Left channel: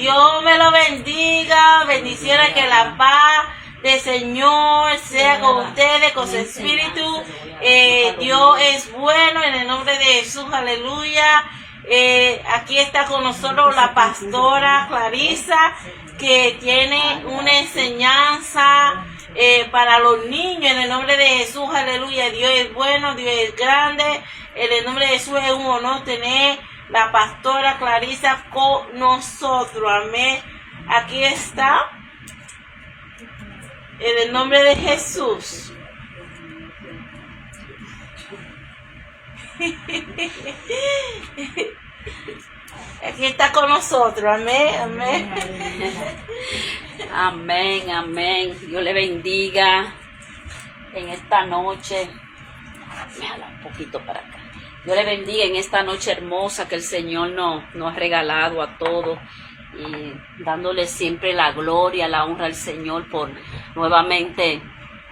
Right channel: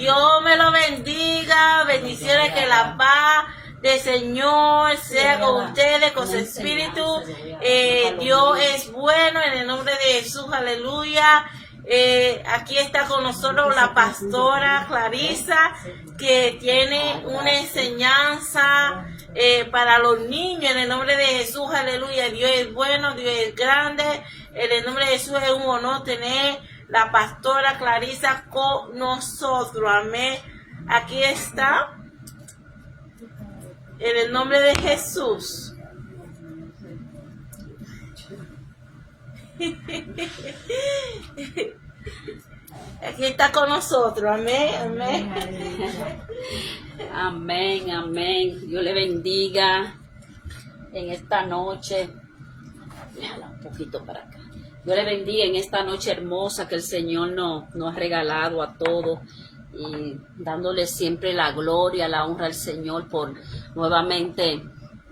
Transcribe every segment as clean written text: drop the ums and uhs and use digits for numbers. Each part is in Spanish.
Dios me lo bendiga. Bendiciones, que la paz del Señor sea con ustedes, con su espíritu. Dios es bueno, en el nombre de Jesús, aleluya. Aquí está con nosotros la pastora Clarisa, que tiene una enseñanza para los niños, en el nombre de Jesús, aleluya. Dios es bueno, Dios es grande. En el nombre de Jesús es un honor tener la pastora Clarisa con nosotros, amén. Aquí está, en el nombre de Jesús. Aquí está con nosotros, amén, amén. Amén, amén. Dios le bendiga en esta noche. Déjala un poquito para acá. Dios le bendiga en esta noche hermosa que el Señor nos ha regalado a todos, y dándole siempre la gloria, la honra al Señor por nuevamente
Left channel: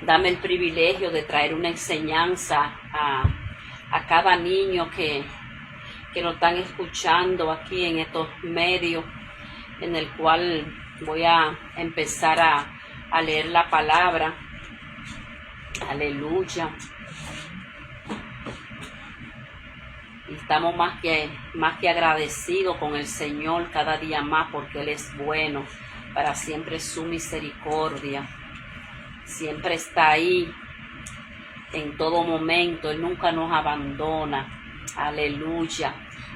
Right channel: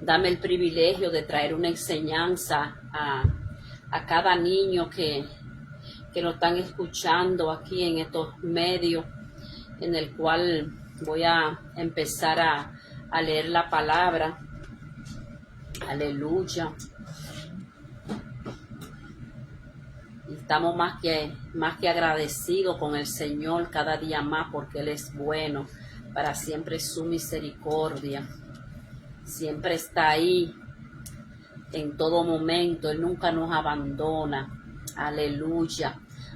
darme el privilegio de traer una enseñanza a cada niño que nos están escuchando aquí en estos medios, en el cual voy a empezar a leer la palabra. Aleluya. Y estamos más que agradecidos con el Señor cada día más, porque Él es bueno, para siempre su misericordia. Siempre está ahí en todo momento, Él nunca nos abandona. Aleluya.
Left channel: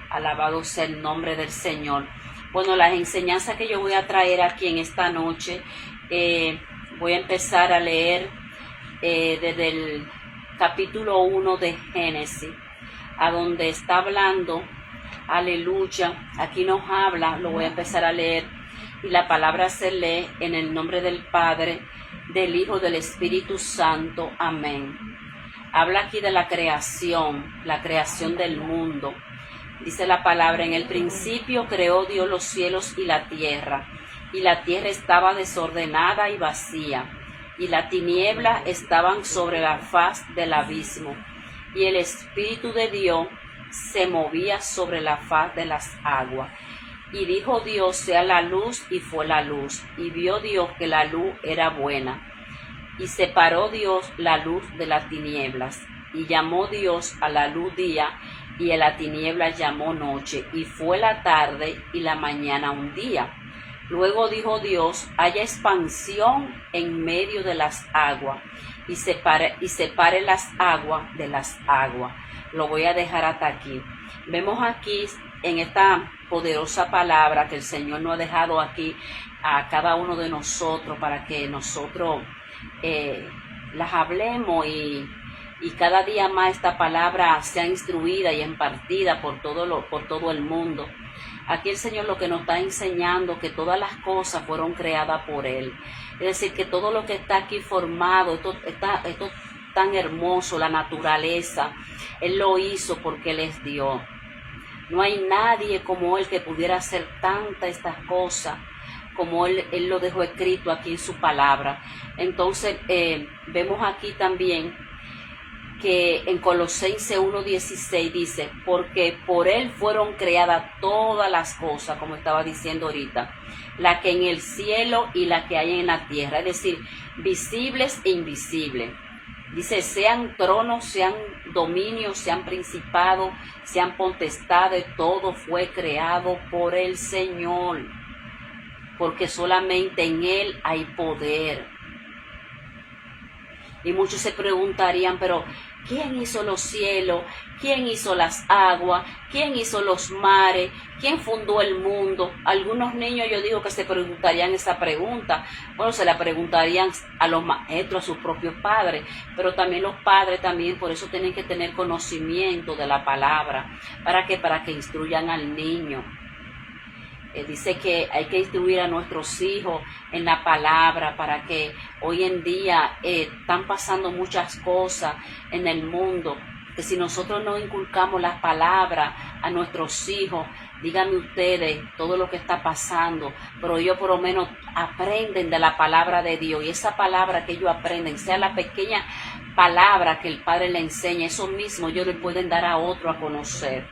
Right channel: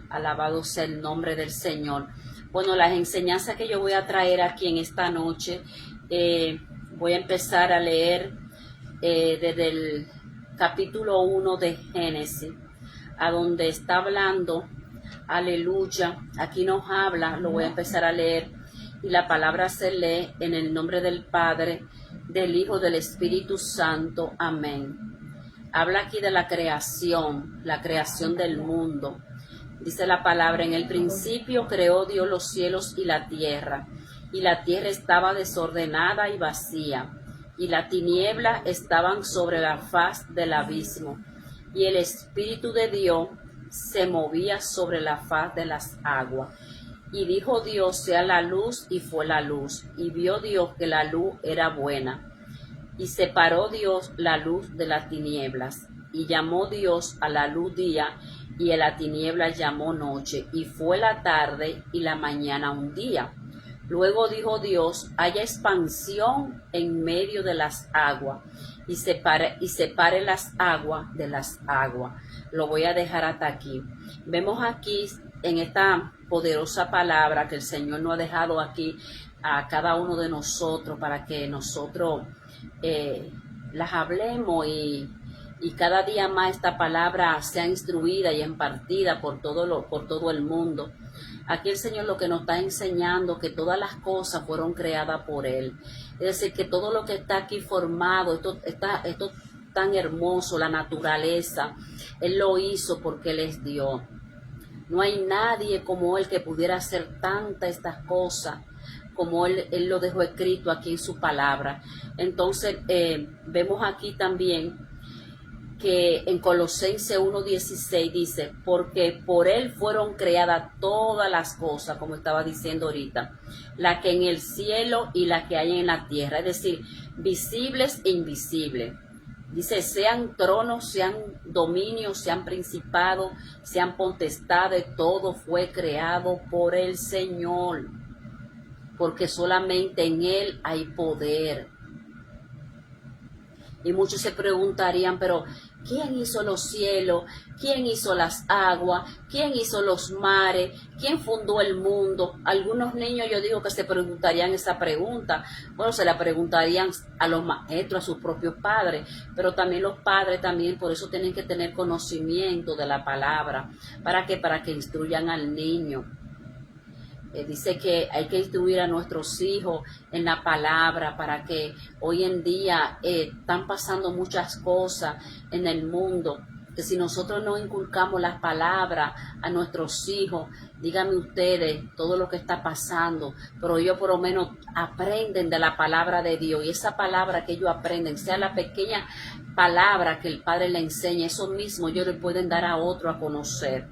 Alabado sea el nombre del Señor. Bueno, las enseñanzas que yo voy a traer aquí en esta noche, voy a empezar a leer desde el capítulo 1 de Génesis, a donde está hablando, aleluya. Aquí nos habla, lo voy a empezar a leer, y la palabra se lee en el nombre del Padre, del Hijo, del Espíritu Santo, amén. Habla aquí de la creación del mundo. Dice la palabra: en el principio creó Dios los cielos y la tierra estaba desordenada y vacía, y las tinieblas estaban sobre la faz del abismo, y el Espíritu de Dios se movía sobre la faz de las aguas. Y dijo Dios: sea la luz, y fue la luz. Y vio Dios que la luz era buena. Y separó Dios la luz de las tinieblas. Y llamó Dios a la luz día, y a la tiniebla llamó noche. Y fue la tarde y la mañana un día. Luego dijo Dios: haya expansión en medio de las aguas, y separe las aguas de las aguas. Lo voy a dejar hasta aquí. Vemos aquí en esta poderosa palabra que el Señor nos ha dejado aquí a cada uno de nosotros, para que nosotros las hablemos, y cada día más esta palabra sea instruida y impartida por todo el mundo. Aquí el Señor lo que nos está enseñando, que todas las cosas fueron creadas por Él. Es decir, que todo lo que está aquí formado, esto tan hermoso, la naturaleza, Él lo hizo porque Él es Dios. No hay nadie como Él que pudiera hacer estas cosas como Él lo dejó escrito aquí en su palabra. Entonces vemos aquí también que en Colosenses 1:16 dice: porque por Él fueron creadas todas las cosas, como estaba diciendo ahorita, la que en el cielo y la que hay en la tierra, es decir, visibles e invisibles. Dice: sean tronos, sean dominios, sean principados, sean potestades, todo fue creado por el Señor, porque solamente en Él hay poder. Y muchos se preguntarían: pero ¿quién hizo los cielos? ¿Quién hizo las aguas? ¿Quién hizo los mares? ¿Quién fundó el mundo? Algunos niños, yo digo, que se preguntarían esa pregunta. Bueno, se la preguntarían a los maestros, a sus propios padres, pero también los padres también, por eso tienen que tener conocimiento de la palabra. ¿Para qué? Para que instruyan al niño. Dice que hay que instruir a nuestros hijos en la palabra, para que hoy en día están pasando muchas cosas en el mundo, que si nosotros no inculcamos las palabras a nuestros hijos, díganme ustedes todo lo que está pasando, pero ellos por lo menos aprenden de la palabra de Dios, y esa palabra que ellos aprenden, sea la pequeña palabra que el Padre le enseña, eso mismo ellos le pueden dar a otro a conocer.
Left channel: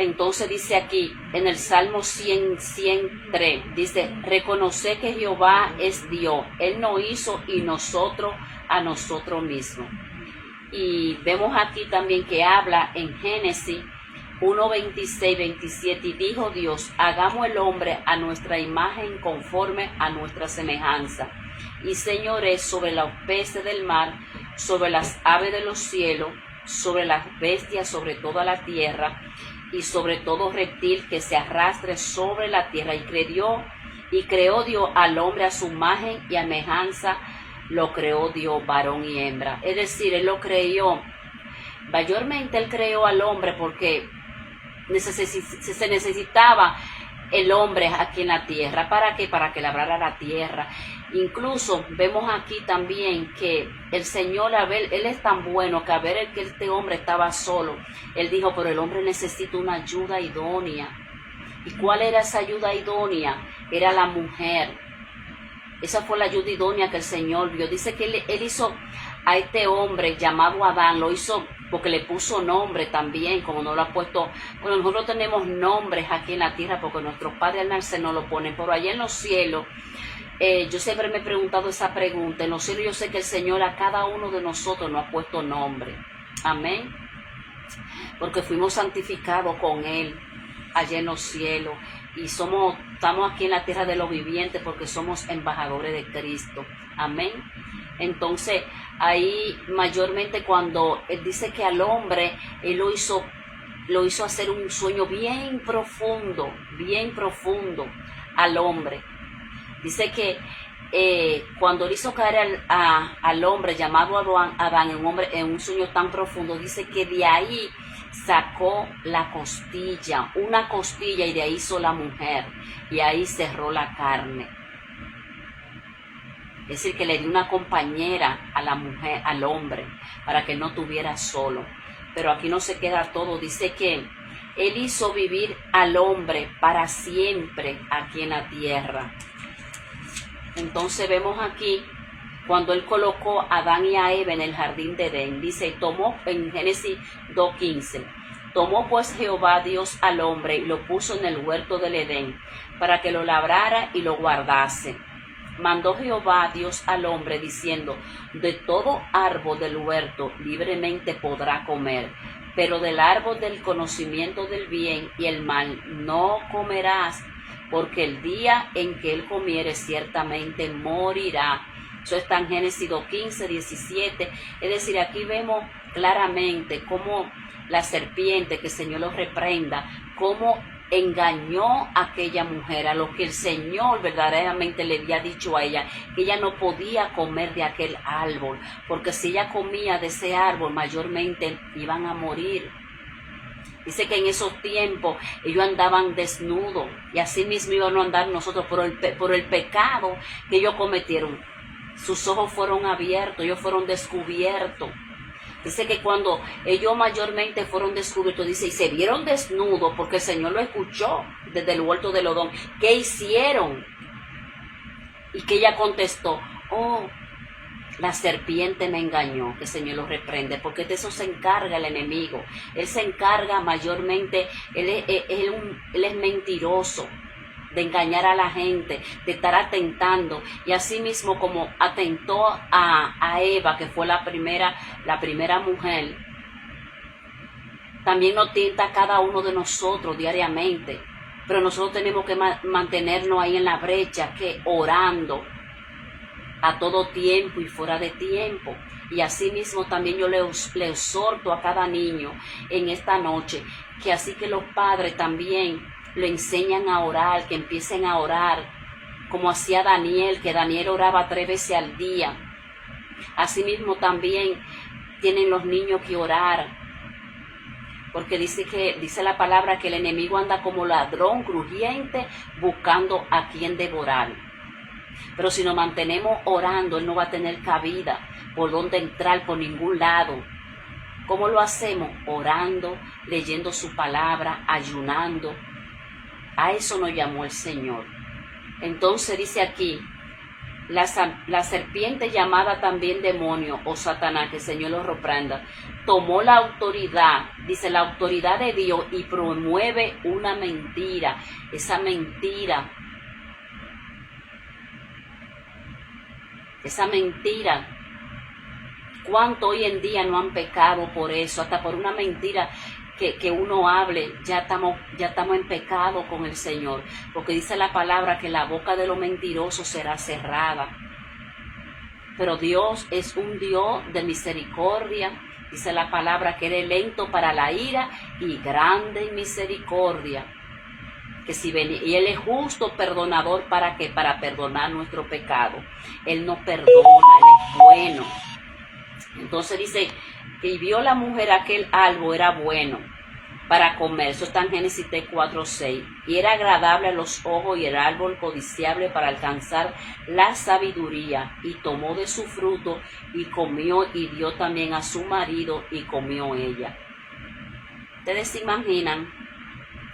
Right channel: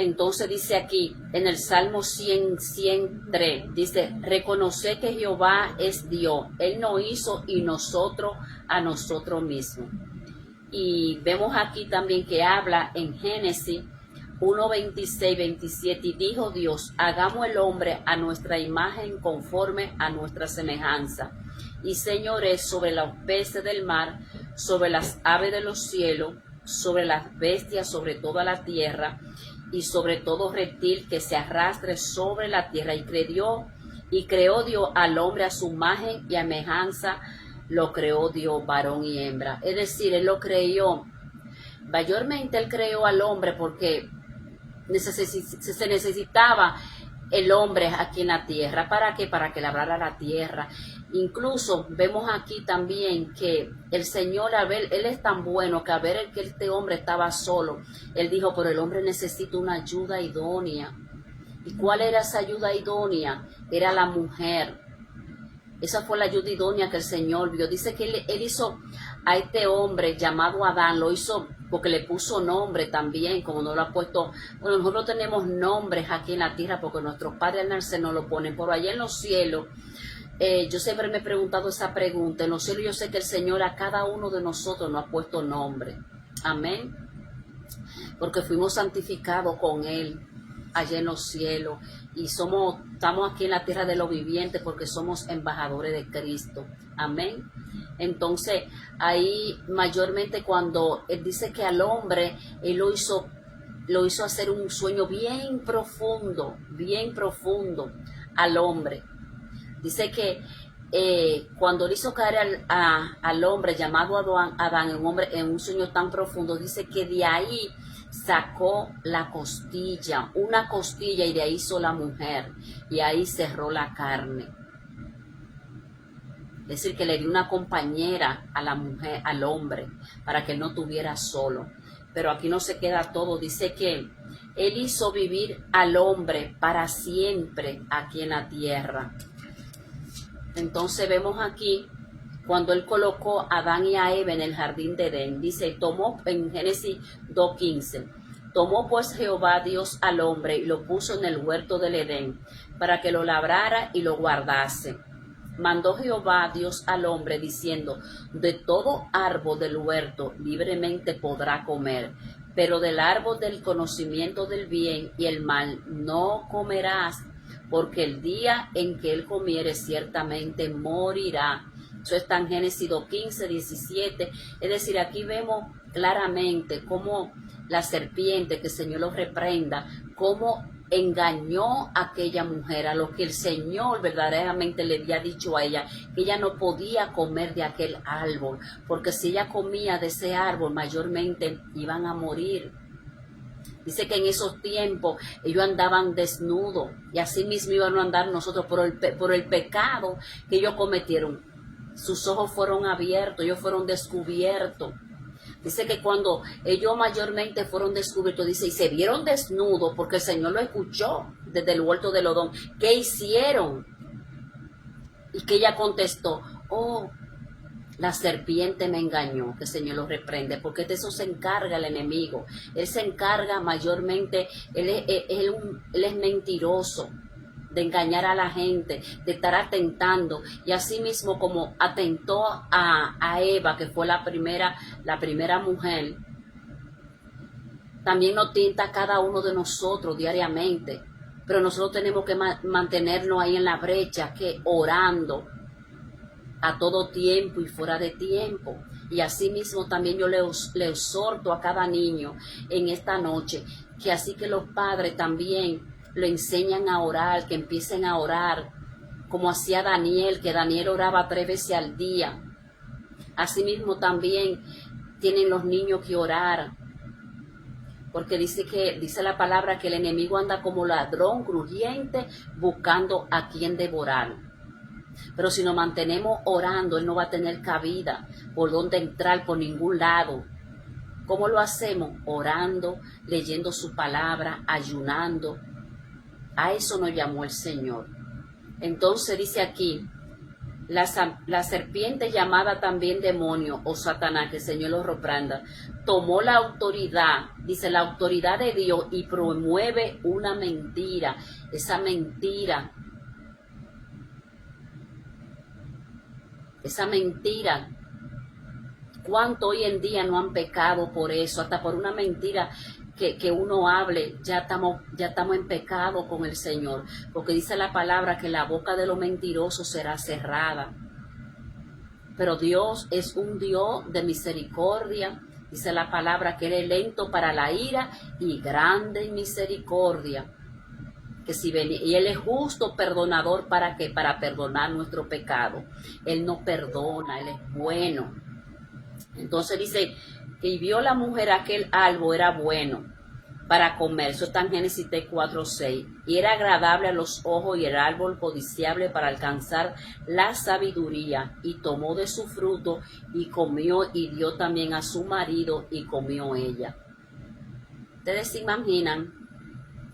Entonces dice aquí, en el Salmo 103, dice, reconoce que Jehová es Dios. Él nos hizo y nosotros a nosotros mismos. Y vemos aquí también que habla en Génesis 1:26, 27, y dijo Dios, hagamos el hombre a nuestra imagen conforme a nuestra semejanza, y señores sobre los peces del mar, sobre las aves de los cielos, sobre las bestias, sobre toda la tierra, y sobre todo reptil que se arrastre sobre la tierra. Y creó Dios al hombre a su imagen y semejanza, lo creó Dios, varón y hembra. Es decir, Él lo creó, mayormente Él creó al hombre porque se necesitaba el hombre aquí en la tierra. ¿Para qué? Para que labrara la tierra. Incluso vemos aquí también que el Señor, Él es tan bueno que a ver que este hombre estaba solo, Él dijo, pero el hombre necesita una ayuda idónea. ¿Y cuál era esa ayuda idónea? Era la mujer. Esa fue la ayuda idónea que el Señor vio. Dice que él hizo a este hombre llamado Adán, lo hizo porque le puso nombre también, como no lo ha puesto. Bueno, nosotros tenemos nombres aquí en la tierra porque nuestros padres al nacer no lo ponen, pero allá en los cielos, yo siempre me he preguntado esa pregunta. En los cielos yo sé que el Señor a cada uno de nosotros nos ha puesto nombre. Amén. Porque fuimos santificados con Él allá en los cielos. Y estamos aquí en la tierra de los vivientes porque somos embajadores de Cristo. Amén. Entonces, ahí mayormente cuando Él dice que al hombre, Él lo hizo hacer un sueño bien profundo al hombre. Dice que cuando Él hizo caer al hombre llamado Adán, un hombre en un sueño tan profundo, dice que de ahí sacó la costilla, una costilla, y de ahí hizo la mujer, y ahí cerró la carne. Es decir, que le dio una compañera a la mujer, al hombre, para que no estuviera solo. Pero aquí no se queda todo. Dice que Él hizo vivir al hombre para siempre aquí en la tierra. Entonces vemos aquí cuando Él colocó a Adán y a Eva en el jardín de Edén. Dice, tomó en Génesis 2:15, tomó pues Jehová Dios al hombre y lo puso en el huerto del Edén para que lo labrara y lo guardase. Mandó Jehová Dios al hombre diciendo, de todo árbol del huerto libremente podrá comer, pero del árbol del conocimiento del bien y el mal no comerás, porque el día en que él comiere ciertamente morirá. Eso está en Génesis 2:15, 17. Es decir, aquí vemos claramente cómo la serpiente, que el Señor lo reprenda, cómo engañó a aquella mujer, a lo que el Señor verdaderamente le había dicho a ella, que ella no podía comer de aquel árbol, porque si ella comía de ese árbol, mayormente iban a morir. Dice que en esos tiempos ellos andaban desnudos, y así mismo iban a andar nosotros por el pecado que ellos cometieron. Sus ojos fueron abiertos, ellos fueron descubiertos. Dice que cuando ellos mayormente fueron descubiertos, dice, y se vieron desnudos, porque el Señor lo escuchó desde el huerto del Edén. ¿Qué hicieron? Y que ella contestó, oh, la serpiente me engañó. Que el Señor lo reprende, porque de eso se encarga el enemigo. Él se encarga mayormente, él es mentiroso, de engañar a la gente, de estar atentando, y así mismo como atentó a Eva, que fue la primera mujer, también nos tienta a cada uno de nosotros diariamente. Pero nosotros tenemos que mantenernos ahí en la brecha, que orando a todo tiempo y fuera de tiempo. Y así mismo también yo le exhorto a cada niño en esta noche, que así que los padres también le enseñan a orar, que empiecen a orar, como hacía Daniel, que Daniel oraba 3 veces al día. Asimismo también tienen los niños que orar, porque dice la palabra que el enemigo anda como ladrón crujiente buscando a quien devorar. Pero si nos mantenemos orando, él no va a tener cabida por donde entrar, por ningún lado. ¿Cómo lo hacemos? Orando, leyendo su palabra, ayunando. A eso nos llamó el Señor. Entonces dice aquí, La serpiente llamada también demonio o Satanás, que el Señor lo reprenda, tomó la autoridad, dice la autoridad de Dios, y promueve una mentira. Esa mentira, ¿cuánto hoy en día no han pecado por eso? Hasta por una mentira que uno hable, ya estamos en pecado con el Señor, porque dice la palabra que la boca de los mentirosos será cerrada. Pero Dios es un Dios de misericordia. Dice la palabra que Él es lento para la ira y grande en misericordia. Y Él es justo perdonador, ¿para qué? Para perdonar nuestro pecado. Él nos perdona, Él es bueno. Entonces dice que vio la mujer aquel árbol era bueno para comer. Eso está en Génesis 4:6. Y era agradable a los ojos y el árbol codiciable para alcanzar la sabiduría. Y tomó de su fruto y comió, y dio también a su marido y comió ella. Ustedes se imaginan,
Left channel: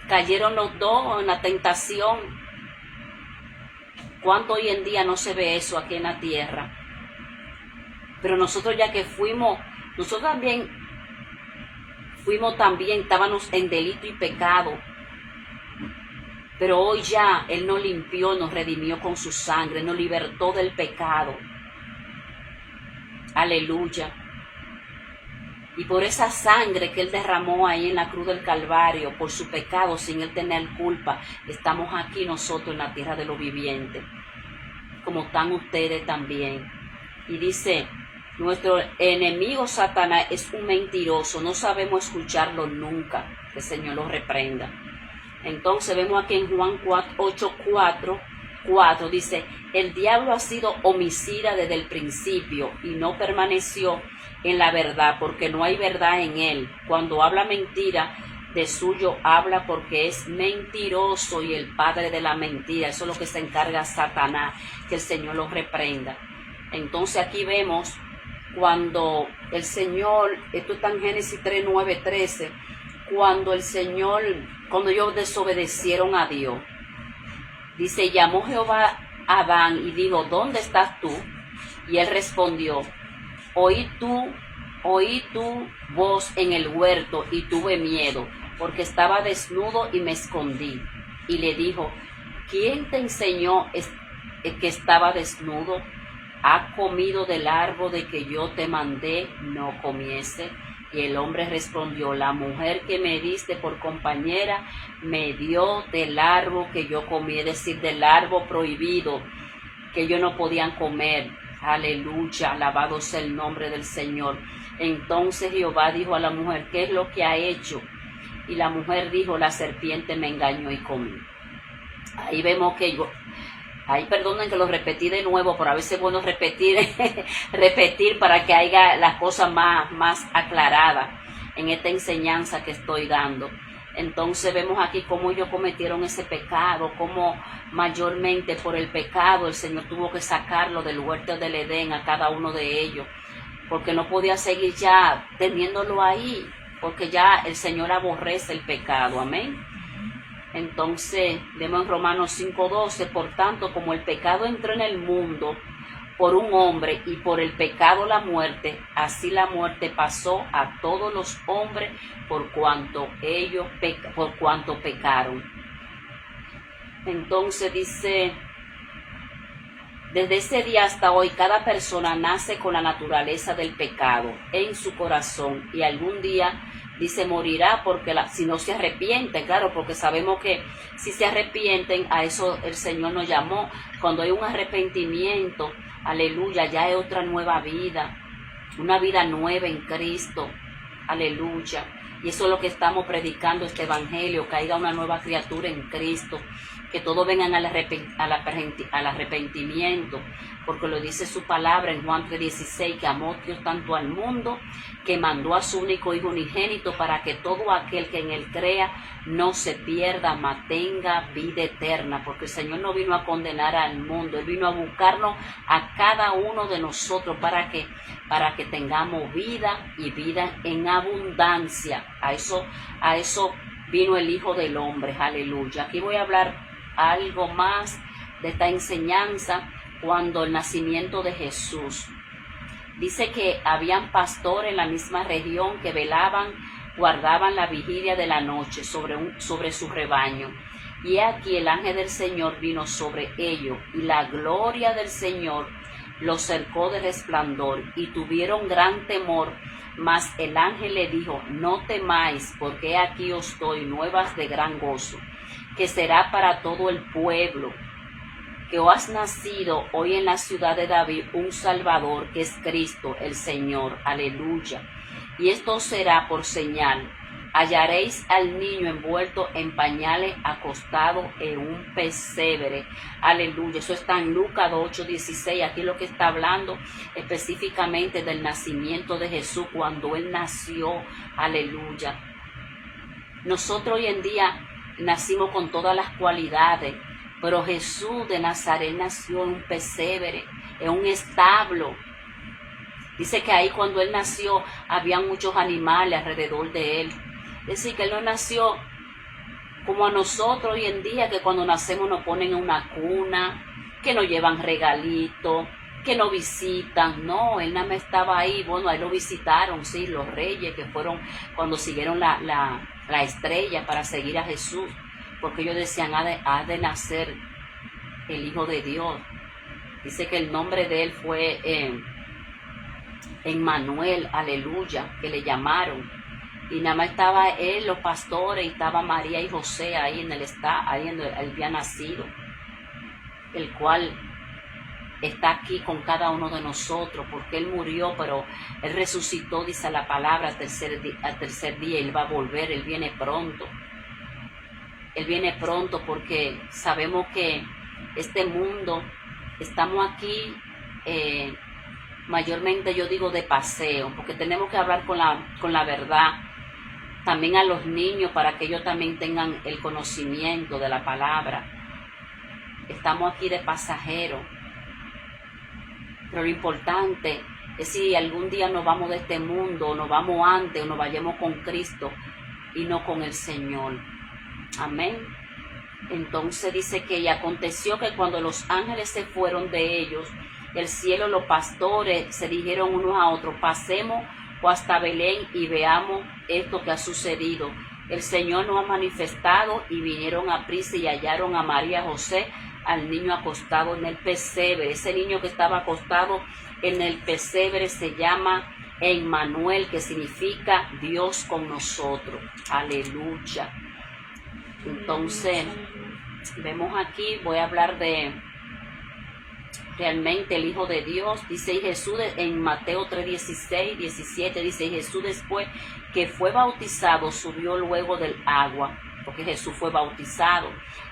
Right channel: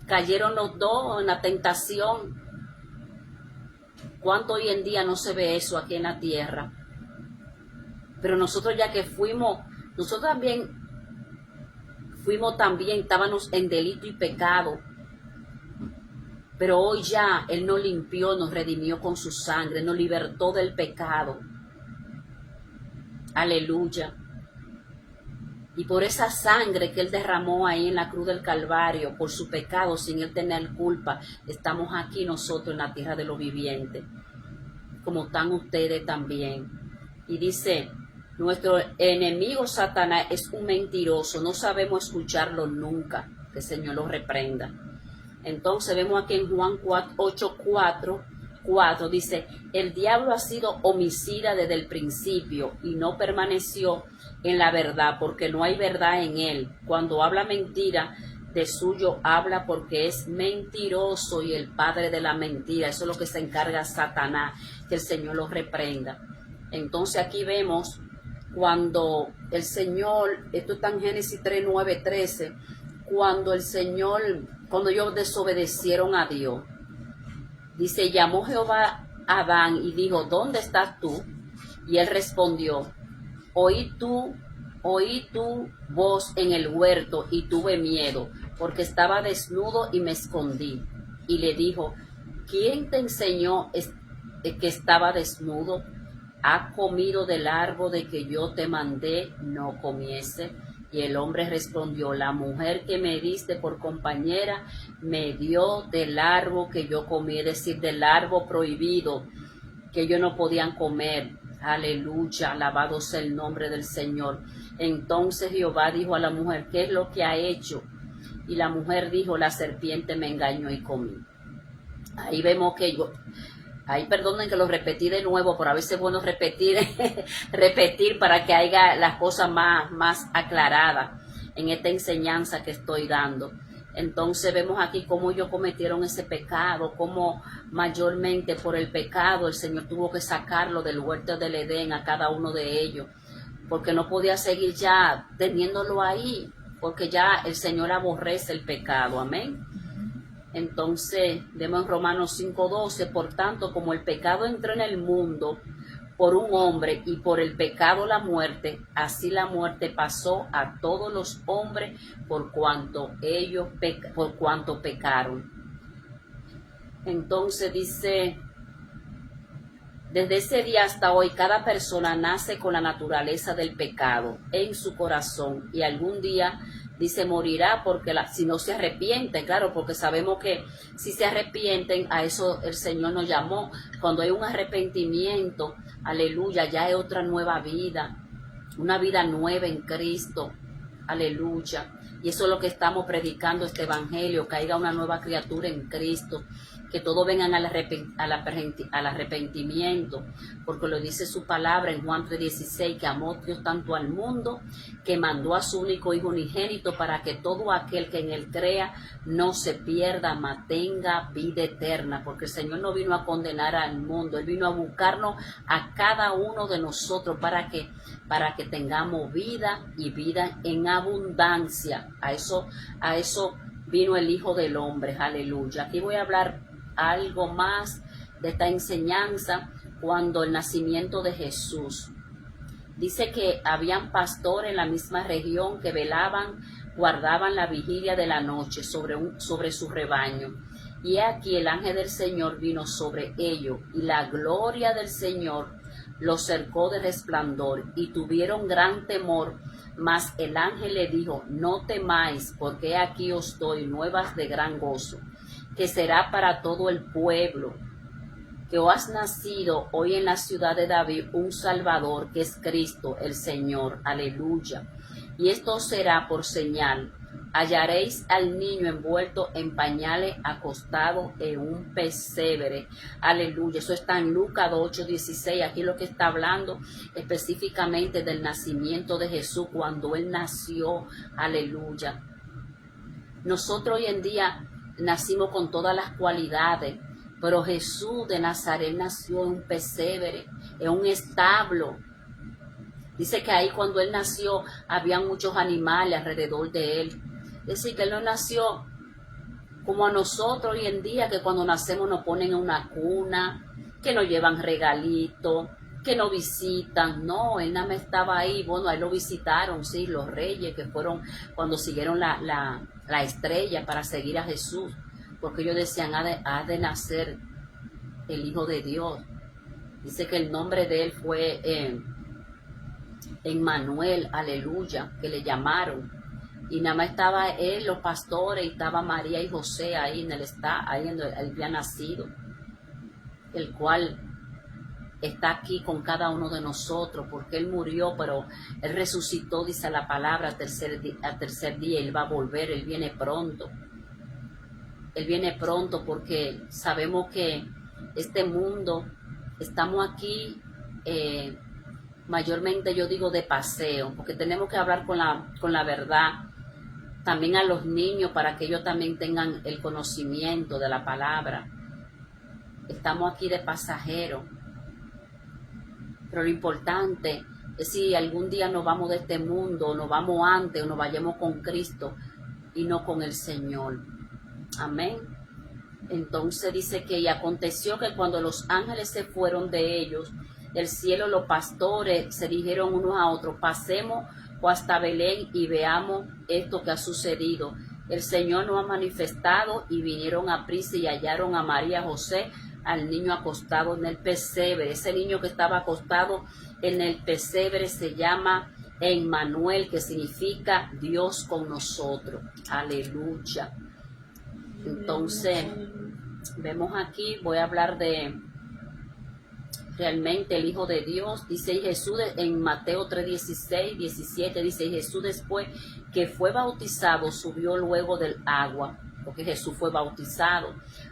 cayeron los dos en la tentación. ¿Cuánto hoy en día no se ve eso aquí en la tierra? Pero nosotros ya que nosotros también estábamos en delito y pecado. Pero hoy ya Él nos limpió, nos redimió con su sangre, nos libertó del pecado. Aleluya. Y por esa sangre que Él derramó ahí en la cruz del Calvario, por su pecado, sin Él tener culpa, estamos aquí nosotros en la tierra de los vivientes, como están ustedes también. Y dice, nuestro enemigo Satanás es un mentiroso, no sabemos escucharlo nunca, que el Señor nos reprenda. Entonces vemos aquí en Juan 8:4, dice, el diablo ha sido homicida desde el principio y no permaneció en la verdad, porque no hay verdad en él. Cuando habla mentira, de suyo habla, porque es mentiroso y el padre de la mentira. Eso es lo que se encarga Satanás, que el Señor lo reprenda. Entonces aquí vemos cuando el Señor, esto está en Génesis 3:9-13, cuando ellos desobedecieron a Dios, dice, llamó Jehová a Adán y dijo, ¿dónde estás tú? Y él respondió, oí tu voz en el huerto y tuve miedo, porque estaba desnudo y me escondí. Y le dijo, ¿quién te enseñó que estaba desnudo? ¿Has comido del árbol de que yo te mandé no comiese? Y el hombre respondió, la mujer que me diste por compañera me dio del árbol que yo comí, es decir, del árbol prohibido que ellos no podían comer. Aleluya, alabado sea el nombre del Señor. Entonces Jehová dijo a la mujer, ¿qué es lo que ha hecho? Y la mujer dijo, la serpiente me engañó y comí. Ahí vemos que perdonen que lo repetí de nuevo, pero a veces es bueno repetir para que haya las cosas más aclaradas en esta enseñanza que estoy dando. Entonces vemos aquí cómo ellos cometieron ese pecado, cómo mayormente por el pecado el Señor tuvo que sacarlo del huerto del Edén a cada uno de ellos, porque no podía seguir ya teniéndolo ahí, porque ya el Señor aborrece el pecado. Amén. Entonces vemos en Romanos 5:12, por tanto, como el pecado entró en el mundo por un hombre y por el pecado la muerte, así la muerte pasó a todos los hombres por cuanto pecaron. Entonces dice, desde ese día hasta hoy cada persona nace con la naturaleza del pecado en su corazón y algún día dice morirá porque si no se arrepiente, claro, porque sabemos que si se arrepienten, a eso el Señor nos llamó. Cuando hay un arrepentimiento, aleluya, ya es otra nueva vida, una vida nueva en Cristo, aleluya. Y eso es lo que estamos predicando, este evangelio, que haya una nueva criatura en Cristo, que todos vengan al arrepentimiento, porque lo dice su palabra en Juan 3:16, que amó Dios tanto al mundo, que mandó a su único Hijo unigénito, para que todo aquel que en él crea no se pierda, mas tenga vida eterna, porque el Señor no vino a condenar al mundo, Él vino a buscarnos a cada uno de nosotros para que tengamos vida y vida en abundancia. A eso vino el Hijo del Hombre, aleluya. Aquí voy a hablar algo más de esta enseñanza, cuando el nacimiento de Jesús. Dice que habían pastores en la misma región que velaban, guardaban la vigilia de la noche sobre su rebaño. Y aquí el ángel del Señor vino sobre ellos, y la gloria del Señor los cercó de resplandor, y tuvieron gran temor. Mas el ángel le dijo: no temáis, porque aquí os doy nuevas de gran gozo, que será para todo el pueblo, que os has nacido hoy en la ciudad de David un Salvador, que es Cristo el Señor. Aleluya. Y esto será por señal: hallaréis al niño envuelto en pañales, acostado en un pesebre. Aleluya. Eso está en Lucas 8:16. Aquí lo que está hablando específicamente del nacimiento de Jesús, cuando Él nació. Aleluya. Nosotros hoy en día nacimos con todas las cualidades, pero Jesús de Nazaret nació en un pesebre, en un establo. Dice que ahí cuando Él nació había muchos animales alrededor de Él. Es decir, que Él no nació como a nosotros hoy en día, que cuando nacemos nos ponen en una cuna, que nos llevan regalitos, que nos visitan. No, Él nada más estaba ahí. Bueno, ahí lo visitaron, sí, los reyes que fueron cuando siguieron la estrella para seguir a Jesús, porque ellos decían: ha de nacer el Hijo de Dios. Dice que el nombre de Él fue Emmanuel, aleluya, que le llamaron. Y nada más estaba Él, los pastores, y estaba María y José ahí en donde Él había nacido, el cual está aquí con cada uno de nosotros, porque Él murió, pero Él resucitó, dice la palabra, al tercer día. Él va a volver, Él viene pronto. Él viene pronto, porque sabemos que este mundo, estamos aquí, mayormente yo digo de paseo, porque tenemos que hablar con la verdad, también a los niños, para que ellos también tengan el conocimiento de la palabra. Estamos aquí de pasajeros, pero lo importante es si algún día nos vamos de este mundo, o nos vamos antes, o nos vayamos con Cristo y no con el Señor. Amén. Entonces dice que y aconteció que cuando los ángeles se fueron de ellos, el cielo, los pastores se dijeron unos a otros: pasemos hasta Belén y veamos esto que ha sucedido. El Señor nos ha manifestado. Y vinieron a prisa y hallaron a María y José, al niño acostado en el pesebre. Ese niño que estaba acostado en el pesebre se llama Emmanuel, que significa Dios con nosotros. Aleluya. Entonces, vemos aquí, voy a hablar de realmente el Hijo de Dios. Dice Jesús en Mateo 3:16, 17, dice: Jesús, después que fue bautizado, subió luego del agua, porque Jesús fue bautizado.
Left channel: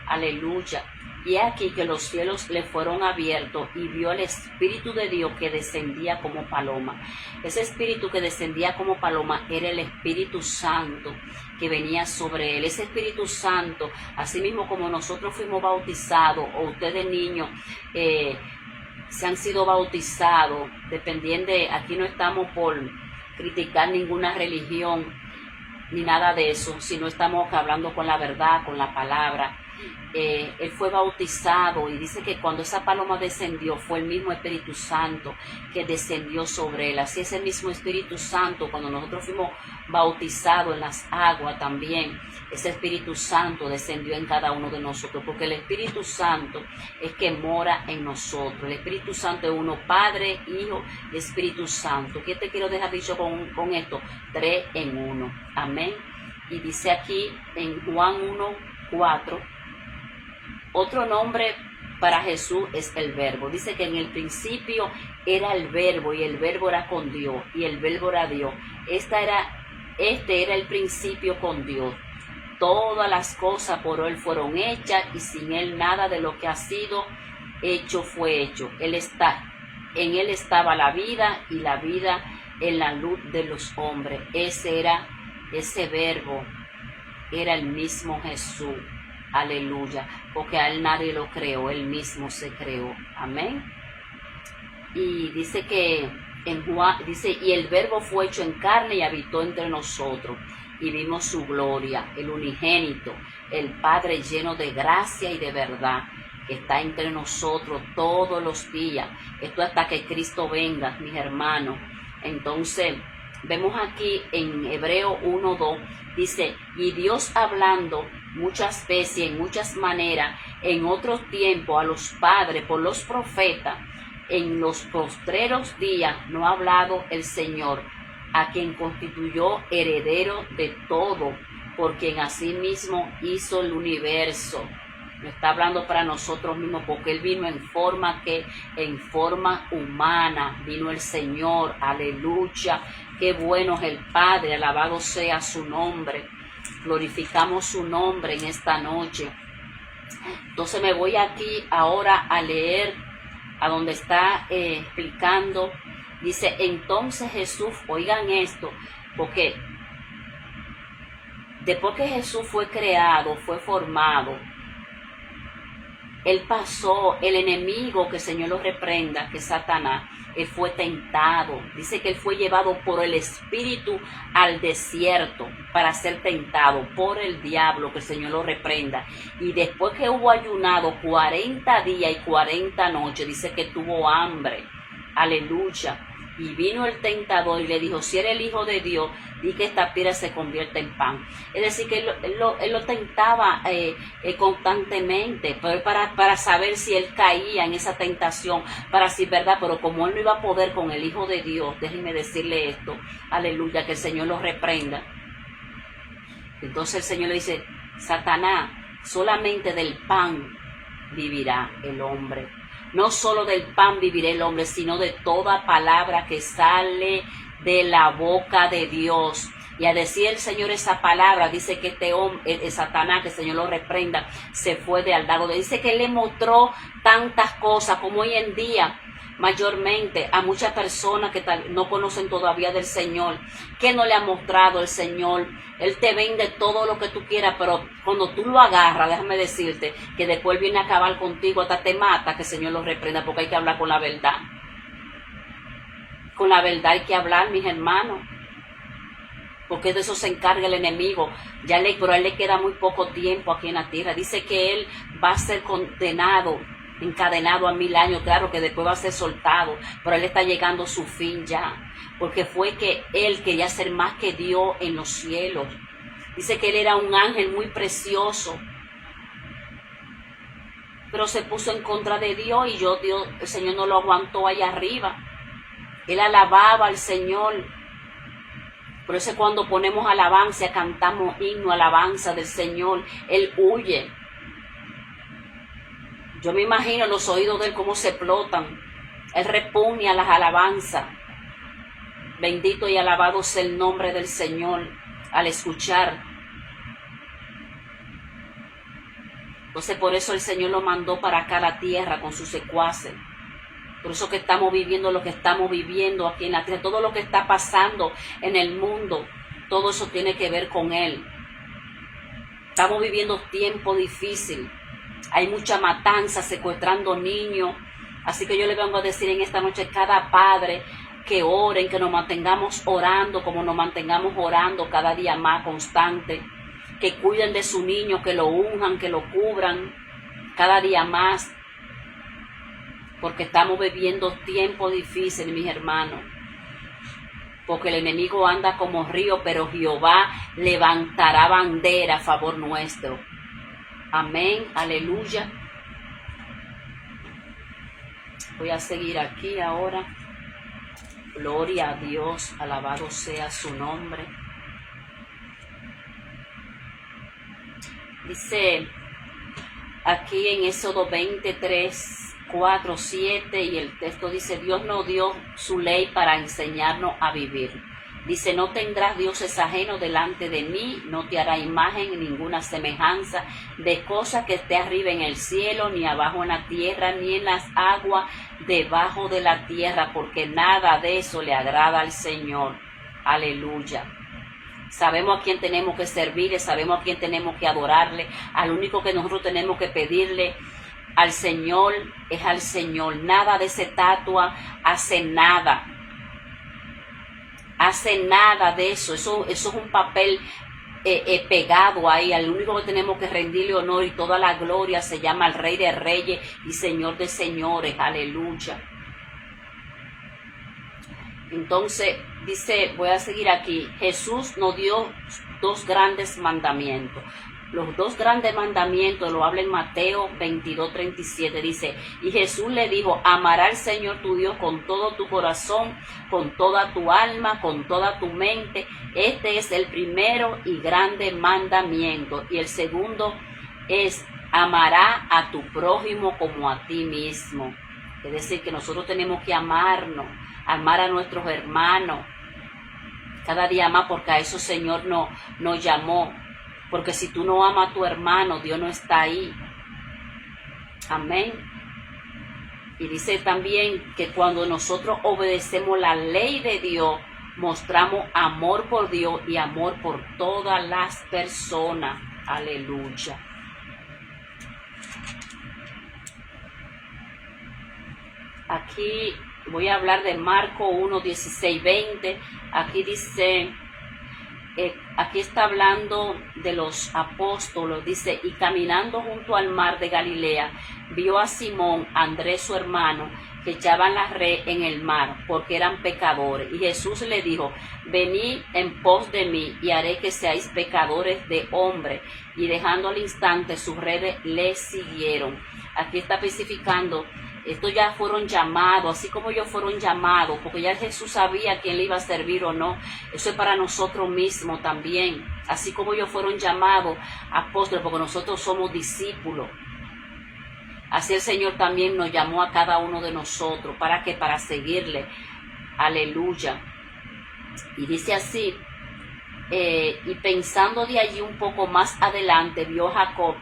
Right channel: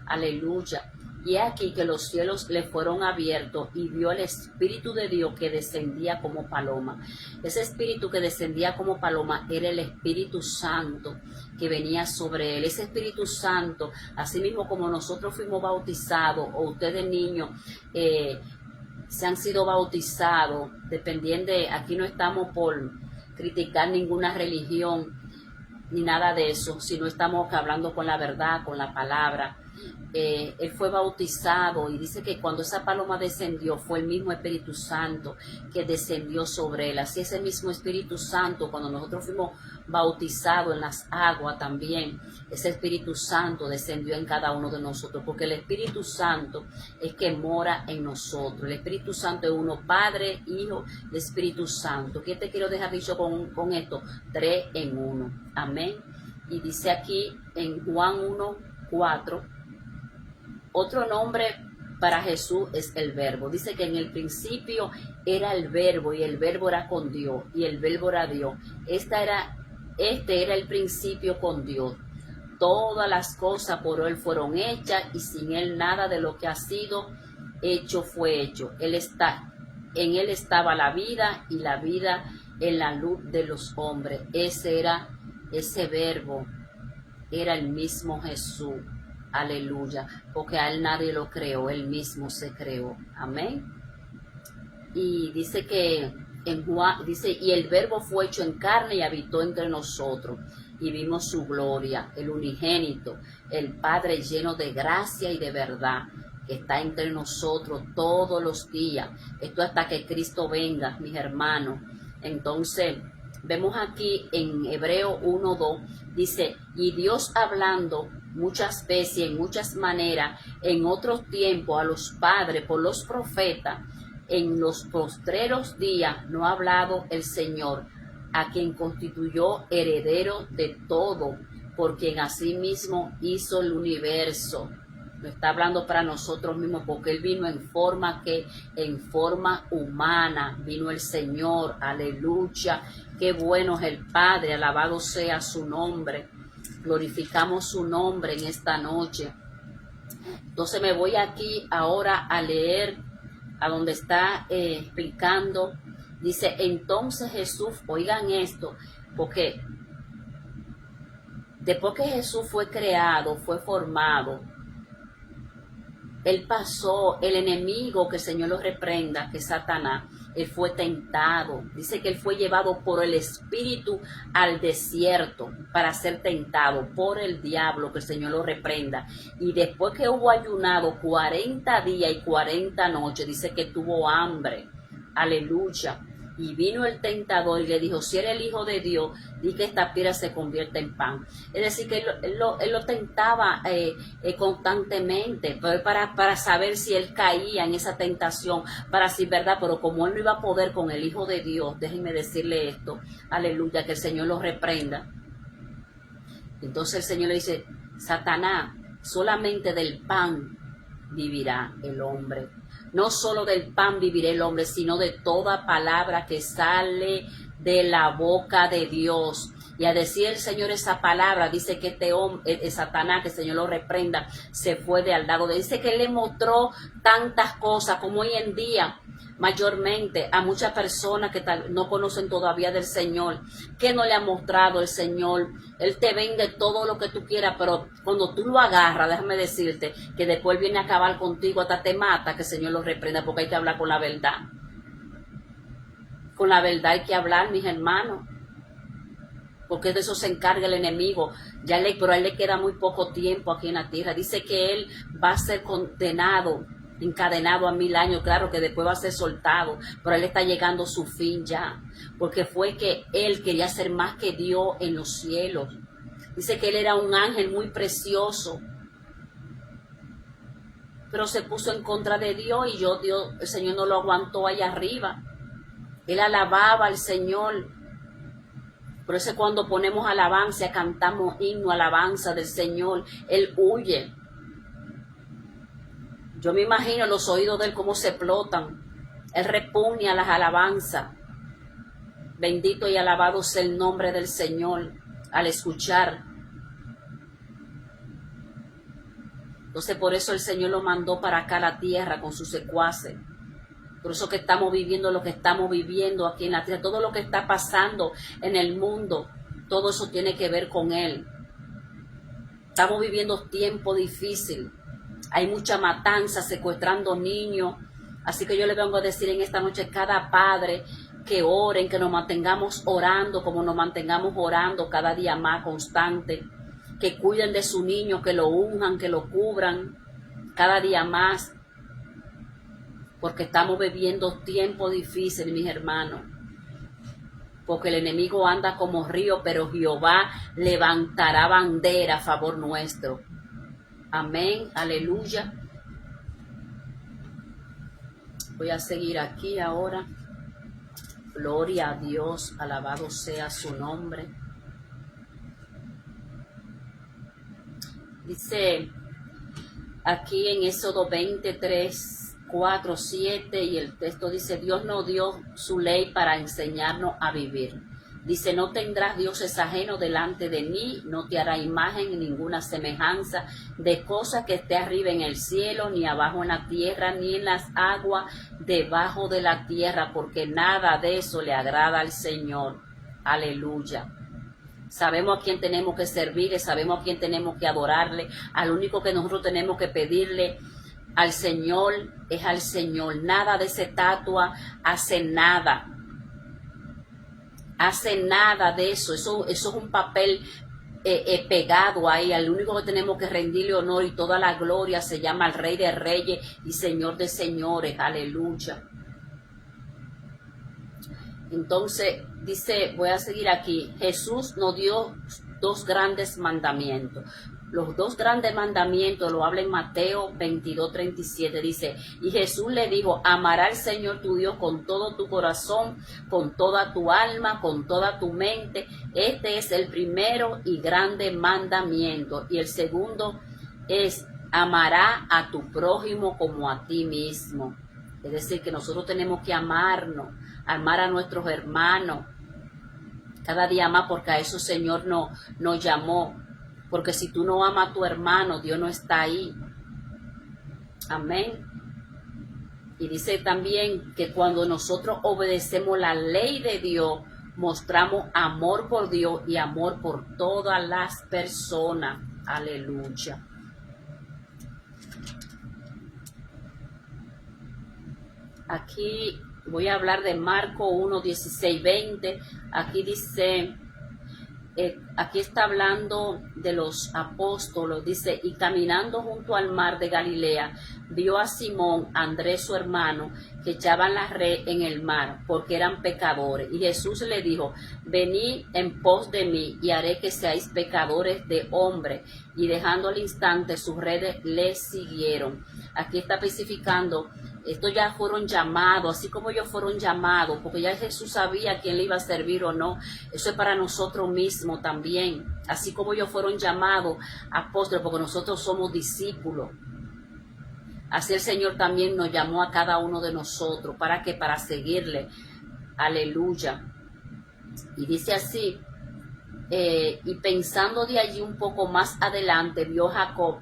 Aleluya. Y aquí que los cielos le fueron abiertos, y vio el Espíritu de Dios que descendía como paloma. Ese Espíritu que descendía como paloma era el Espíritu Santo que venía sobre Él. Ese Espíritu Santo, así mismo como nosotros fuimos bautizados, o ustedes niños se han sido bautizados, dependiendo de, aquí no estamos por criticar ninguna religión ni nada de eso, sino estamos hablando con la verdad, con la palabra. Él fue bautizado, y dice que cuando esa paloma descendió fue el mismo Espíritu Santo que descendió sobre él. Así ese mismo Espíritu Santo, cuando nosotros fuimos bautizados en las aguas también, ese Espíritu Santo descendió en cada uno de nosotros, porque el Espíritu Santo es que mora en nosotros. El Espíritu Santo es uno: Padre, Hijo y Espíritu Santo. ¿Qué te quiero dejar dicho con esto? 3 en 1. Amén. Y dice aquí en Juan 1:4, otro nombre para Jesús es el Verbo. Dice que en el principio era el Verbo, y el Verbo era con Dios, y el Verbo era Dios. Este era el principio con Dios. Todas las cosas por Él fueron hechas, y sin Él nada de lo que ha sido hecho fue hecho. En Él estaba la vida, y la vida en la luz de los hombres. Ese Verbo era el mismo Jesús. Aleluya, porque a Él nadie lo creó, Él mismo se creó. Amén. Y dice que en Juan, dice: y el Verbo fue hecho en carne y habitó entre nosotros, y vimos su gloria, el unigénito, el Padre lleno de gracia y de verdad. está entre nosotros todos los días. Esto hasta que Cristo venga, mis hermanos. Entonces, vemos aquí en Hebreo 1:2, dice, y Dios hablando muchas veces y en muchas maneras, en otros tiempos a los padres por los profetas, en los postreros días no ha hablado el Señor, a quien constituyó heredero de todo, por quien asimismo hizo el universo. Lo está hablando para nosotros mismos, porque Él vino en forma humana, vino el Señor, aleluya. Qué bueno es el Padre, alabado sea su nombre. Glorificamos su nombre en esta noche. Entonces me voy aquí ahora a leer a donde está explicando. Dice, entonces Jesús, oigan esto, porque después que Jesús fue creado, fue formado, Él pasó, el enemigo, que el Señor lo reprenda, que es Satanás, Él fue tentado. Dice que Él fue llevado por el Espíritu al desierto para ser tentado por el diablo, que el Señor lo reprenda. Y después que hubo ayunado 40 días y 40 noches, dice que tuvo hambre. Aleluya. Y vino el tentador y le dijo, si eres el Hijo de Dios, di que esta piedra se convierta en pan. Es decir, que él lo tentaba constantemente, pero para saber si él caía en esa tentación, para decir verdad, pero como él no iba a poder con el Hijo de Dios, déjenme decirle esto, aleluya, que el Señor lo reprenda. Entonces el Señor le dice, Satanás, solamente del pan vivirá el hombre. No solo del pan vivirá el hombre, sino de toda palabra que sale de la boca de Dios. Y a decir el Señor esa palabra, dice que este hombre, Satanás, que el Señor lo reprenda, se fue de al lado. Dice que Él le mostró tantas cosas como hoy en día, mayormente a muchas personas que no conocen todavía del Señor, que no le ha mostrado el Señor. Él te vende todo lo que tú quieras, pero cuando tú lo agarras, déjame decirte que después viene a acabar contigo, hasta te mata, que el Señor lo reprenda, porque hay que hablar con la verdad. Con la verdad hay que hablar, mis hermanos, porque de eso se encarga el enemigo. Pero a él le queda muy poco tiempo aquí en la tierra. Dice que él va a ser condenado, encadenado a 1000 años. Claro que después va a ser soltado, pero él está llegando a su fin ya, porque fue que él quería ser más que Dios en los cielos. Dice que él era un ángel muy precioso, pero se puso en contra de Dios y el Señor no lo aguantó allá arriba. Él alababa al Señor. Por eso cuando ponemos alabanza, cantamos himno, alabanza del Señor, Él huye. Yo me imagino los oídos de Él cómo se explotan. Él repugna las alabanzas. Bendito y alabado sea el nombre del Señor al escuchar. Entonces por eso el Señor lo mandó para acá a la tierra con sus secuaces. Por eso que estamos viviendo lo que estamos viviendo aquí en la tierra. Todo lo que está pasando en el mundo, todo eso tiene que ver con Él. Estamos viviendo tiempo difícil. Hay mucha matanza, secuestrando niños. Así que yo le vengo a decir en esta noche, cada padre, que oren, que nos mantengamos orando, como nos mantengamos orando cada día más constante. Que cuiden de su niño, que lo unjan, que lo cubran cada día más. Porque estamos viviendo tiempo difícil, mis hermanos. Porque el enemigo anda como río, pero Jehová levantará bandera a favor nuestro. Amén, aleluya. Voy a seguir aquí ahora. Gloria a Dios, alabado sea su nombre. Dice aquí en Éxodo 23, 4, 7, y el texto dice, Dios nos dio su ley para enseñarnos a vivir. Dice, no tendrás dioses ajenos delante de mí, no te hará imagen ni ninguna semejanza de cosa que esté arriba en el cielo, ni abajo en la tierra, ni en las aguas debajo de la tierra, porque nada de eso le agrada al Señor. Aleluya. Sabemos a quién tenemos que servirle, sabemos a quién tenemos que adorarle. Al único que nosotros tenemos que pedirle al Señor es al Señor. Nada de esa estatua hace nada. Hace nada de eso. Eso es un papel pegado ahí. Al único que tenemos que rendirle honor y toda la gloria se llama el Rey de Reyes y Señor de Señores. Aleluya. Entonces dice, voy a seguir aquí, Jesús nos dio dos grandes mandamientos. Los dos grandes mandamientos lo habla en Mateo 22:37. Dice, y Jesús le dijo, amarás al Señor tu Dios con todo tu corazón, con toda tu alma, con toda tu mente. Este es el primero y grande mandamiento. Y el segundo es, amará a tu prójimo como a ti mismo. Es decir, que nosotros tenemos que amarnos, amar a nuestros hermanos cada día más, porque a eso Señor nos llamó. Porque si tú no amas a tu hermano, Dios no está ahí. Amén. Y dice también que cuando nosotros obedecemos la ley de Dios, mostramos amor por Dios y amor por todas las personas. Aleluya. Aquí voy a hablar de Marcos 1:16-20. Aquí dice, aquí está hablando de los apóstoles. Dice, y caminando junto al mar de Galilea, vio a Simón, Andrés su hermano, que echaban la red en el mar, porque eran pecadores. Y Jesús le dijo, venid en pos de mí, y haré que seáis pecadores de hombres. Y dejando al instante sus redes, le siguieron. Aquí está especificando, estos ya fueron llamados, así como ellos fueron llamados, porque ya Jesús sabía que él iba a servir o no. Eso es para nosotros mismos también. Así como ellos fueron llamados apóstoles, porque nosotros somos discípulos. Así el Señor también nos llamó a cada uno de nosotros. ¿Para qué? Para seguirle. Aleluya. Y dice así, y pensando de allí un poco más adelante, vio a Jacob,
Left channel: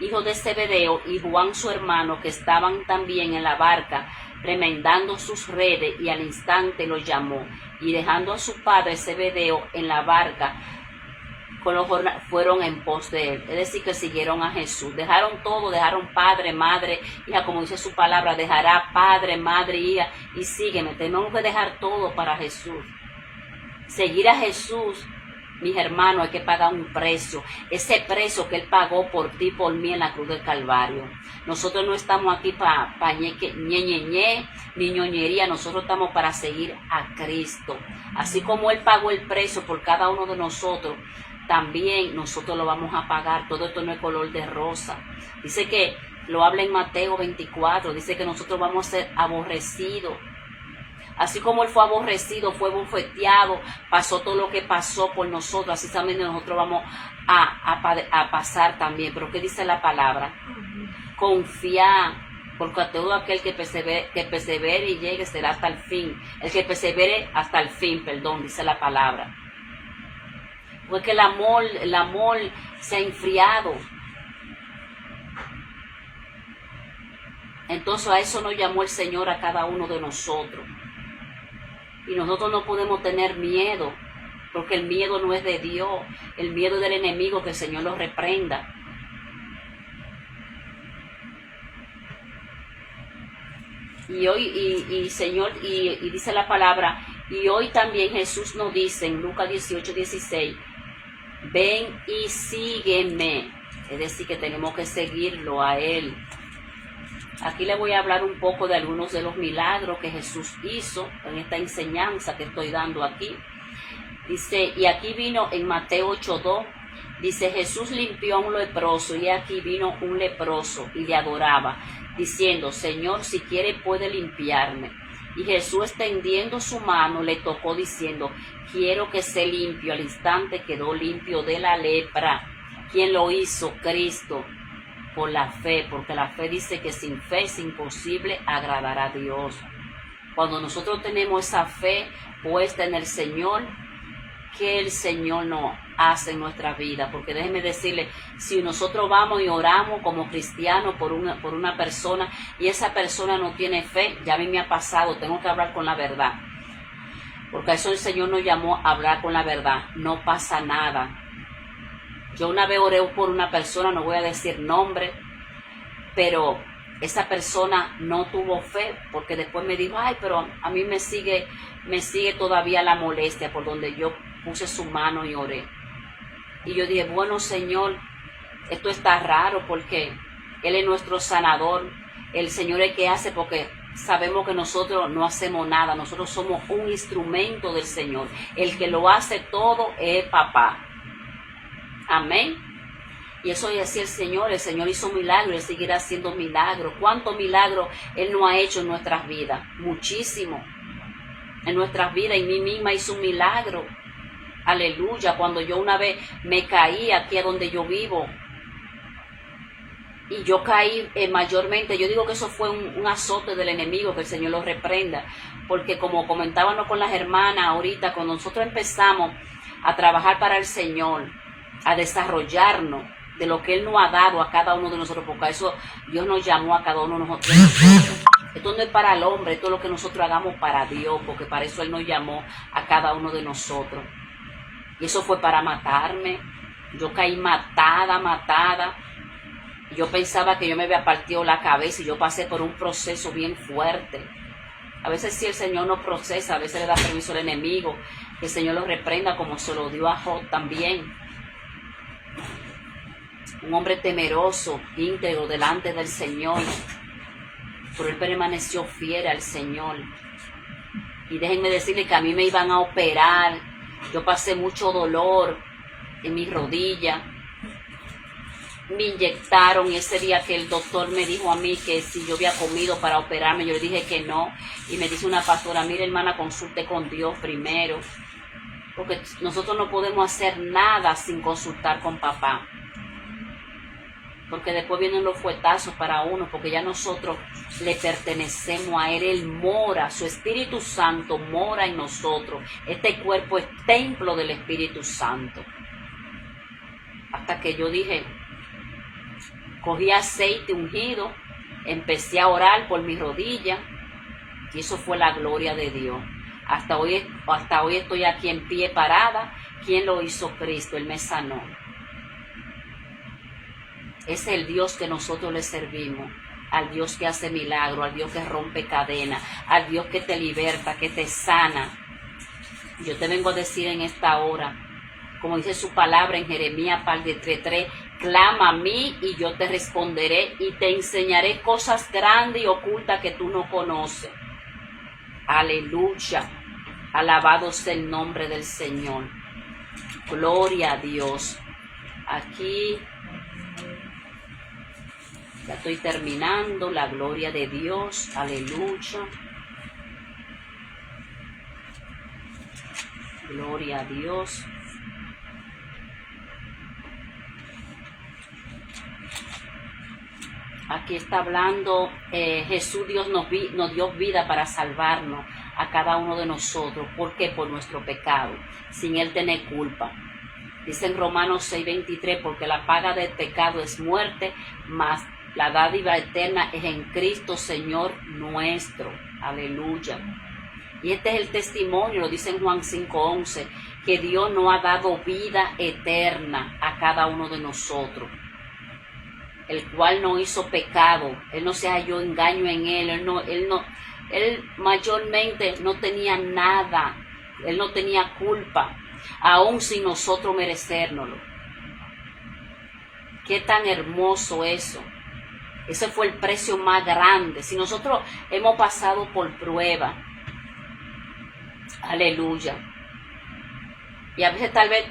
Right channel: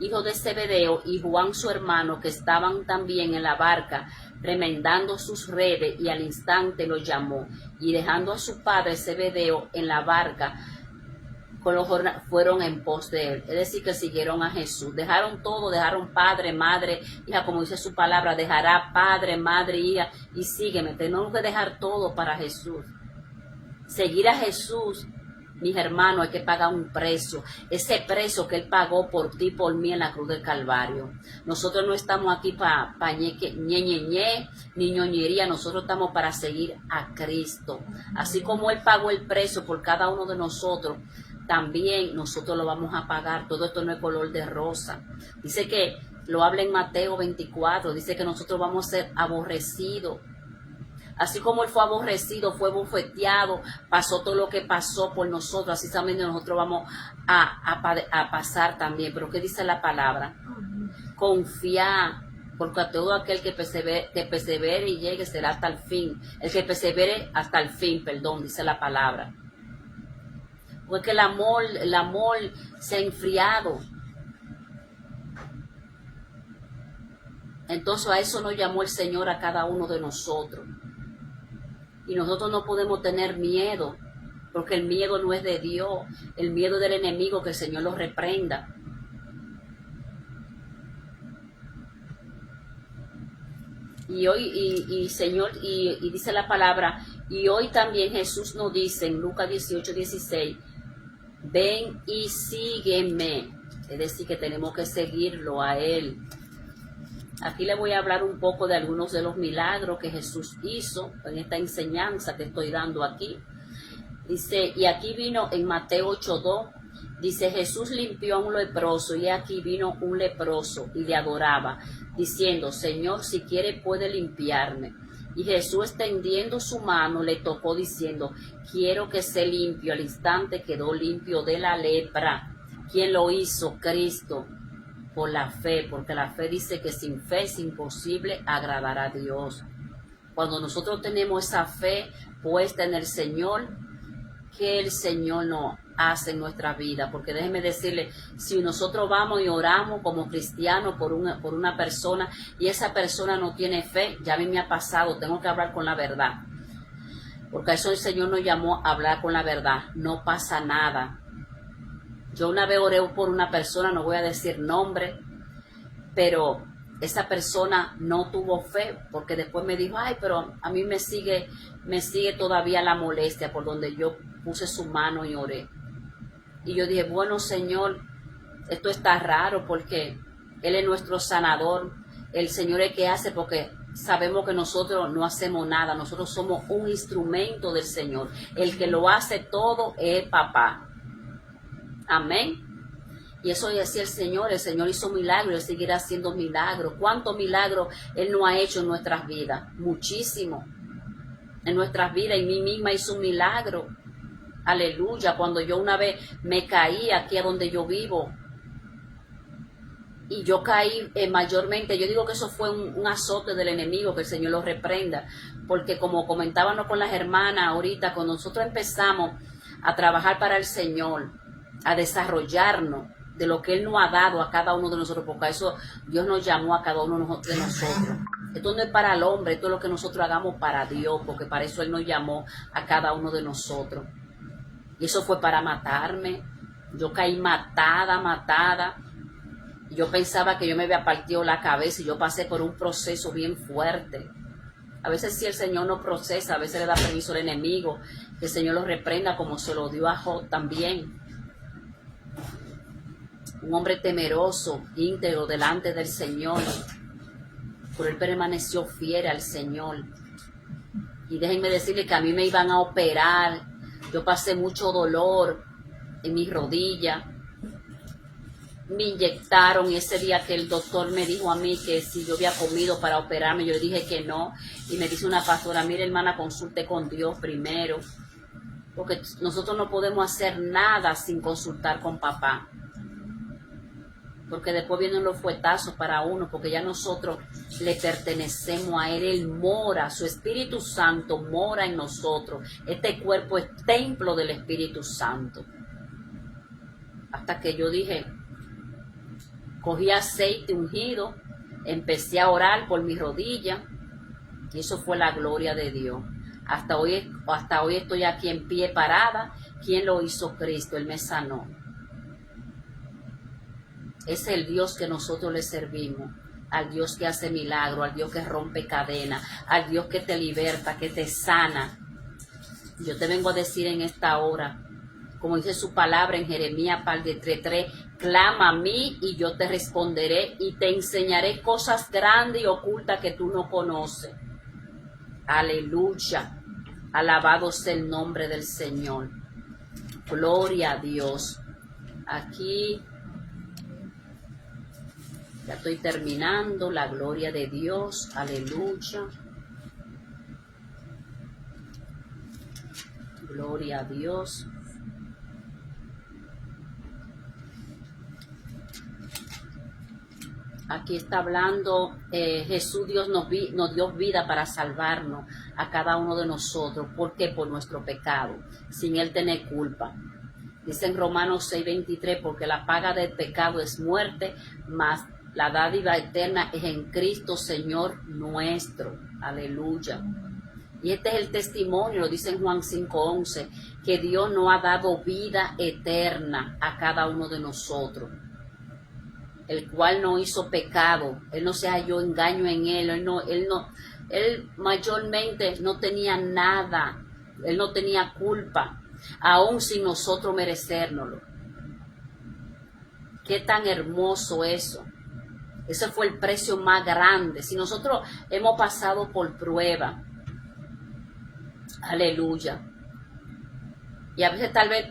hijo de Zebedeo, y Juan su hermano, que estaban también en la barca, remendando sus redes, y al instante los llamó. Y dejando a su padre Zebedeo en la barca, fueron en pos de él. Es decir, que siguieron a Jesús. Dejaron todo, dejaron padre, madre, hija, como dice su palabra, dejará padre, madre, hija, y sígueme. Tenemos que dejar todo para Jesús. Seguir a Jesús, mis hermanos, hay que pagar un precio. Ese precio que Él pagó por ti, por mí en la cruz del Calvario. Nosotros no estamos aquí para ni ñoñería. Nosotros estamos para seguir a Cristo. Así como Él pagó el precio por cada uno de nosotros, también nosotros lo vamos a pagar. Todo esto no es color de rosa. Dice que, lo habla en Mateo 24, dice que nosotros vamos a ser aborrecidos. Así como Él fue aborrecido, fue bofeteado, pasó todo lo que pasó por nosotros, así también nosotros vamos a pasar también. Pero ¿qué dice la palabra? Confiar, porque a todo aquel que persevere y llegue será hasta el fin. El que persevere hasta el fin, dice la palabra. Porque el amor se ha enfriado. Entonces a eso nos llamó el Señor a cada uno de nosotros. Y nosotros no podemos tener miedo, porque el miedo no es de Dios, el miedo del enemigo, que el Señor lo reprenda. Y hoy, Señor, y dice la palabra, y hoy también Jesús nos dice en Lucas 18:16, ven y sígueme. Es decir, que tenemos que seguirlo a Él. Aquí le voy a hablar un poco de algunos de los milagros que Jesús hizo en esta enseñanza que estoy dando aquí. Dice, y aquí vino en Mateo 8:2, dice, Jesús limpió a un leproso, y aquí vino un leproso y le adoraba, diciendo, Señor, si quiere puede limpiarme. Y Jesús, extendiendo su mano, le tocó diciendo, quiero que sea limpio. Al instante quedó limpio de la lepra. ¿Quién lo hizo? Cristo. Por la fe, porque la fe dice que sin fe es imposible agradar a Dios. Cuando nosotros tenemos esa fe puesta en el Señor, que el Señor nos hace en nuestra vida. Porque déjeme decirle, si nosotros vamos y oramos como cristianos por una persona y esa persona no tiene fe, ya a mí me ha pasado, tengo que hablar con la verdad. Porque eso el Señor nos llamó a hablar con la verdad. No pasa nada. Yo una vez oré por una persona, no voy a decir nombre, pero esa persona no tuvo fe, porque después me dijo, ay, pero a mí me sigue todavía la molestia por donde yo puse su mano y oré. Y yo dije, bueno, Señor, esto está raro porque Él es nuestro sanador. El Señor es que hace, porque sabemos que nosotros no hacemos nada. Nosotros somos un instrumento del Señor. El que lo hace todo es papá. Amén. Y eso es así el Señor. El Señor hizo milagros, Él seguirá haciendo milagros. ¿Cuántos milagros Él no ha hecho en nuestras vidas? Muchísimo. En nuestras vidas, y mí misma hizo un milagro. Aleluya. Cuando yo una vez me caí aquí a donde yo vivo, y yo caí mayormente, yo digo que eso fue un azote del enemigo, que el Señor lo reprenda, porque como comentábamos con las hermanas ahorita, cuando nosotros empezamos a trabajar para el Señor, a desarrollarnos de lo que Él nos ha dado a cada uno de nosotros, porque a eso Dios nos llamó a cada uno de nosotros. Esto no es para el hombre, esto es lo que nosotros hagamos para Dios, porque para eso Él nos llamó a cada uno de nosotros. Y eso fue para matarme. Yo caí matada. Yo pensaba que yo me había partido la cabeza, y yo pasé por un proceso bien fuerte. A veces si el Señor no procesa, a veces le da permiso al enemigo, que el Señor lo reprenda, como se lo dio a Job también. Un hombre temeroso, íntegro delante del Señor, pero él permaneció fiel al Señor. Y déjenme decirle que a mí me iban a operar. Yo pasé mucho dolor en mis rodillas. Me inyectaron, y ese día que el doctor me dijo a mí que si yo había comido para operarme, yo le dije que no. Y me dice una pastora, mire hermana, consulte con Dios primero, porque nosotros no podemos hacer nada sin consultar con papá, porque después vienen los fuetazos para uno, porque ya nosotros le pertenecemos a Él. Él mora, su Espíritu Santo mora en nosotros. Este cuerpo es templo del Espíritu Santo. Hasta que yo dije, cogí aceite ungido, empecé a orar por mis rodillas, y eso fue la gloria de Dios. Hasta hoy estoy aquí en pie parada. ¿Quién lo hizo? Cristo. Él me sanó. Es el Dios que nosotros le servimos, al Dios que hace milagros, al Dios que rompe cadenas, al Dios que te liberta, que te sana. Yo te vengo a decir en esta hora, como dice su palabra en Jeremías 3:3, clama a mí y yo te responderé y te enseñaré cosas grandes y ocultas que tú no conoces. Aleluya. Alabado sea el nombre del Señor. Gloria a Dios. Aquí ya estoy terminando. La gloria de Dios. Aleluya. Gloria a Dios. Aquí está hablando, Jesús Dios nos dio vida para salvarnos a cada uno de nosotros. ¿Por qué? Por nuestro pecado, sin Él tener culpa. Dice en Romanos 6:23, porque la paga del pecado es muerte, mas la dádiva eterna es en Cristo Señor nuestro. Aleluya. Y este es el testimonio, lo dice en Juan 5:11, que Dios nos ha dado vida eterna a cada uno de nosotros, el cual no hizo pecado. Él no se halló engaño en él mayormente no tenía nada. Él no tenía culpa, aún sin nosotros merecérnoslo. Qué tan hermoso eso. Ese fue el precio más grande. Si nosotros hemos pasado por prueba, aleluya, y a veces tal vez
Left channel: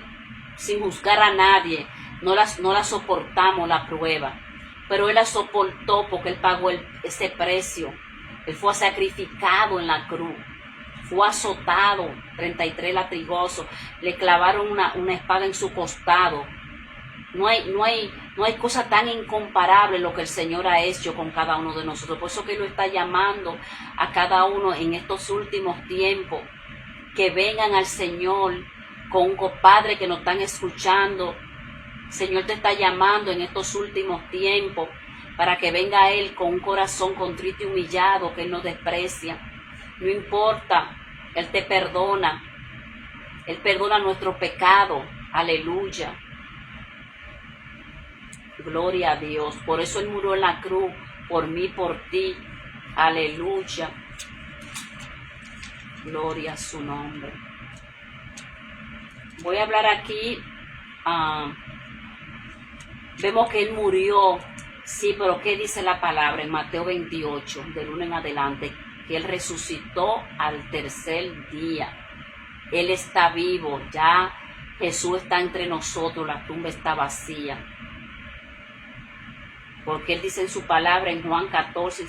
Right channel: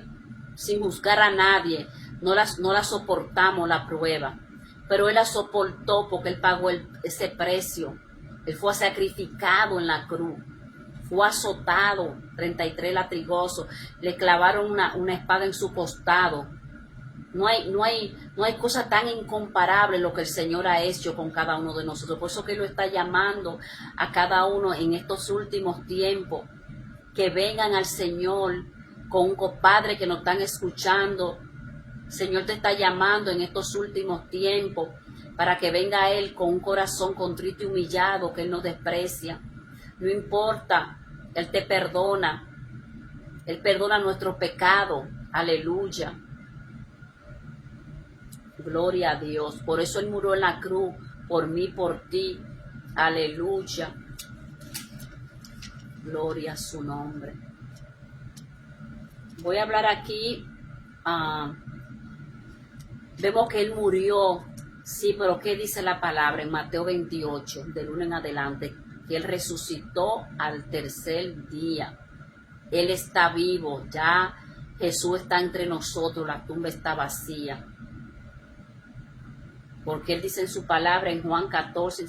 sin juzgar a nadie no la soportamos la prueba, pero Él la soportó porque Él pagó ese precio. Él fue sacrificado en la cruz, fue azotado, 33 latigazos, le clavaron una espada en su costado. No hay cosa tan incomparable lo que el Señor ha hecho con cada uno de nosotros. Por eso que Él lo está llamando a cada uno en estos últimos tiempos, que vengan al Señor con un compadre que nos están escuchando. El Señor te está llamando en estos últimos tiempos para que venga a Él con un corazón contrito y humillado, que Él no desprecia. No importa, Él te perdona. Él perdona nuestros pecados. Aleluya. Gloria a Dios. Por eso Él murió en la cruz, por mí, por ti. Aleluya. Gloria a su nombre. Voy a hablar aquí vemos que Él murió, sí, pero ¿qué dice la palabra en Mateo 28, del 1 en adelante? Que Él resucitó al tercer día. Él está vivo, ya Jesús está entre nosotros, la tumba está vacía. Porque Él dice en su palabra en Juan 14,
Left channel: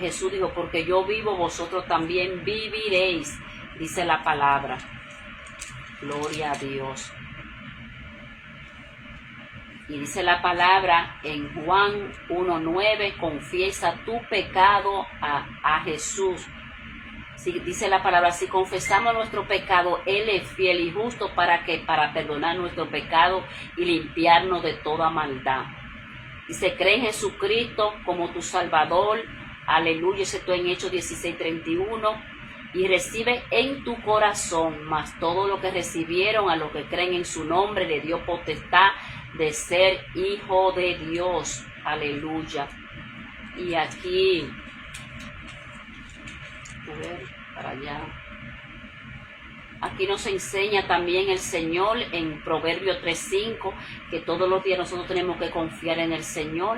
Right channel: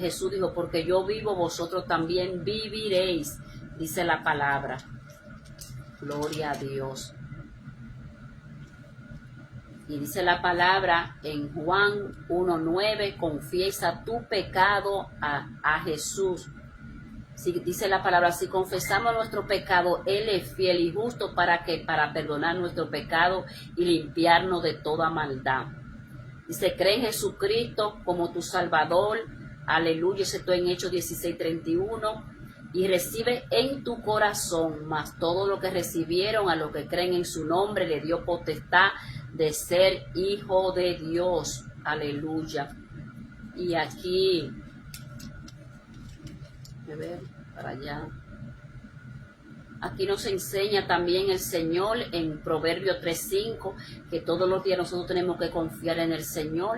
Jesús dijo, porque yo vivo, vosotros también viviréis, dice la palabra. Gloria a Dios. Y dice la palabra en Juan 1:9, confiesa tu pecado a Jesús. Sí, dice la palabra, si confesamos nuestro pecado, Él es fiel y justo para perdonar nuestro pecado y limpiarnos de toda maldad. Dice, cree en Jesucristo como tu Salvador, aleluya, eso está en Hechos 16:31, y recibe en tu corazón, mas todo lo que recibieron a los que creen en su nombre le dio potestad de ser hijo de Dios, aleluya. Y aquí, a ver, para allá. Aquí nos enseña también el Señor en Proverbios 3:5 que todos los días nosotros tenemos que confiar en el Señor,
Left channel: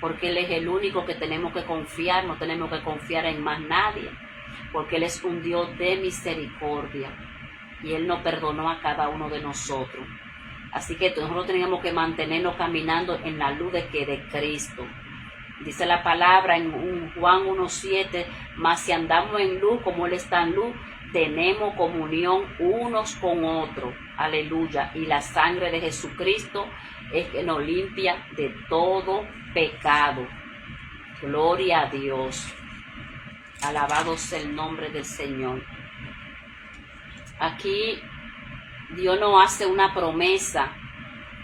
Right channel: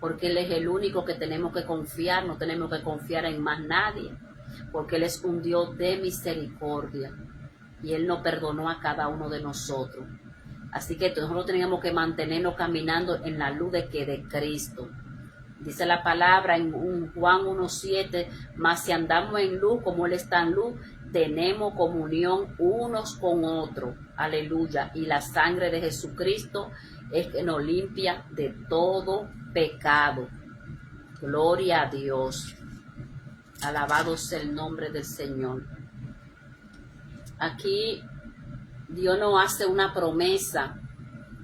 porque Él es el único que tenemos que confiar, no tenemos que confiar en más nadie, porque Él es un Dios de misericordia y Él nos perdonó a cada uno de nosotros. Así que nosotros tenemos que mantenernos caminando en la luz de Cristo. Dice la palabra en Juan 1:7, mas si andamos en luz como Él está en luz, tenemos comunión unos con otros, aleluya, y la sangre de Jesucristo es que nos limpia de todo pecado. Gloria a Dios, alabado sea el nombre del Señor. Aquí Dios nos hace una promesa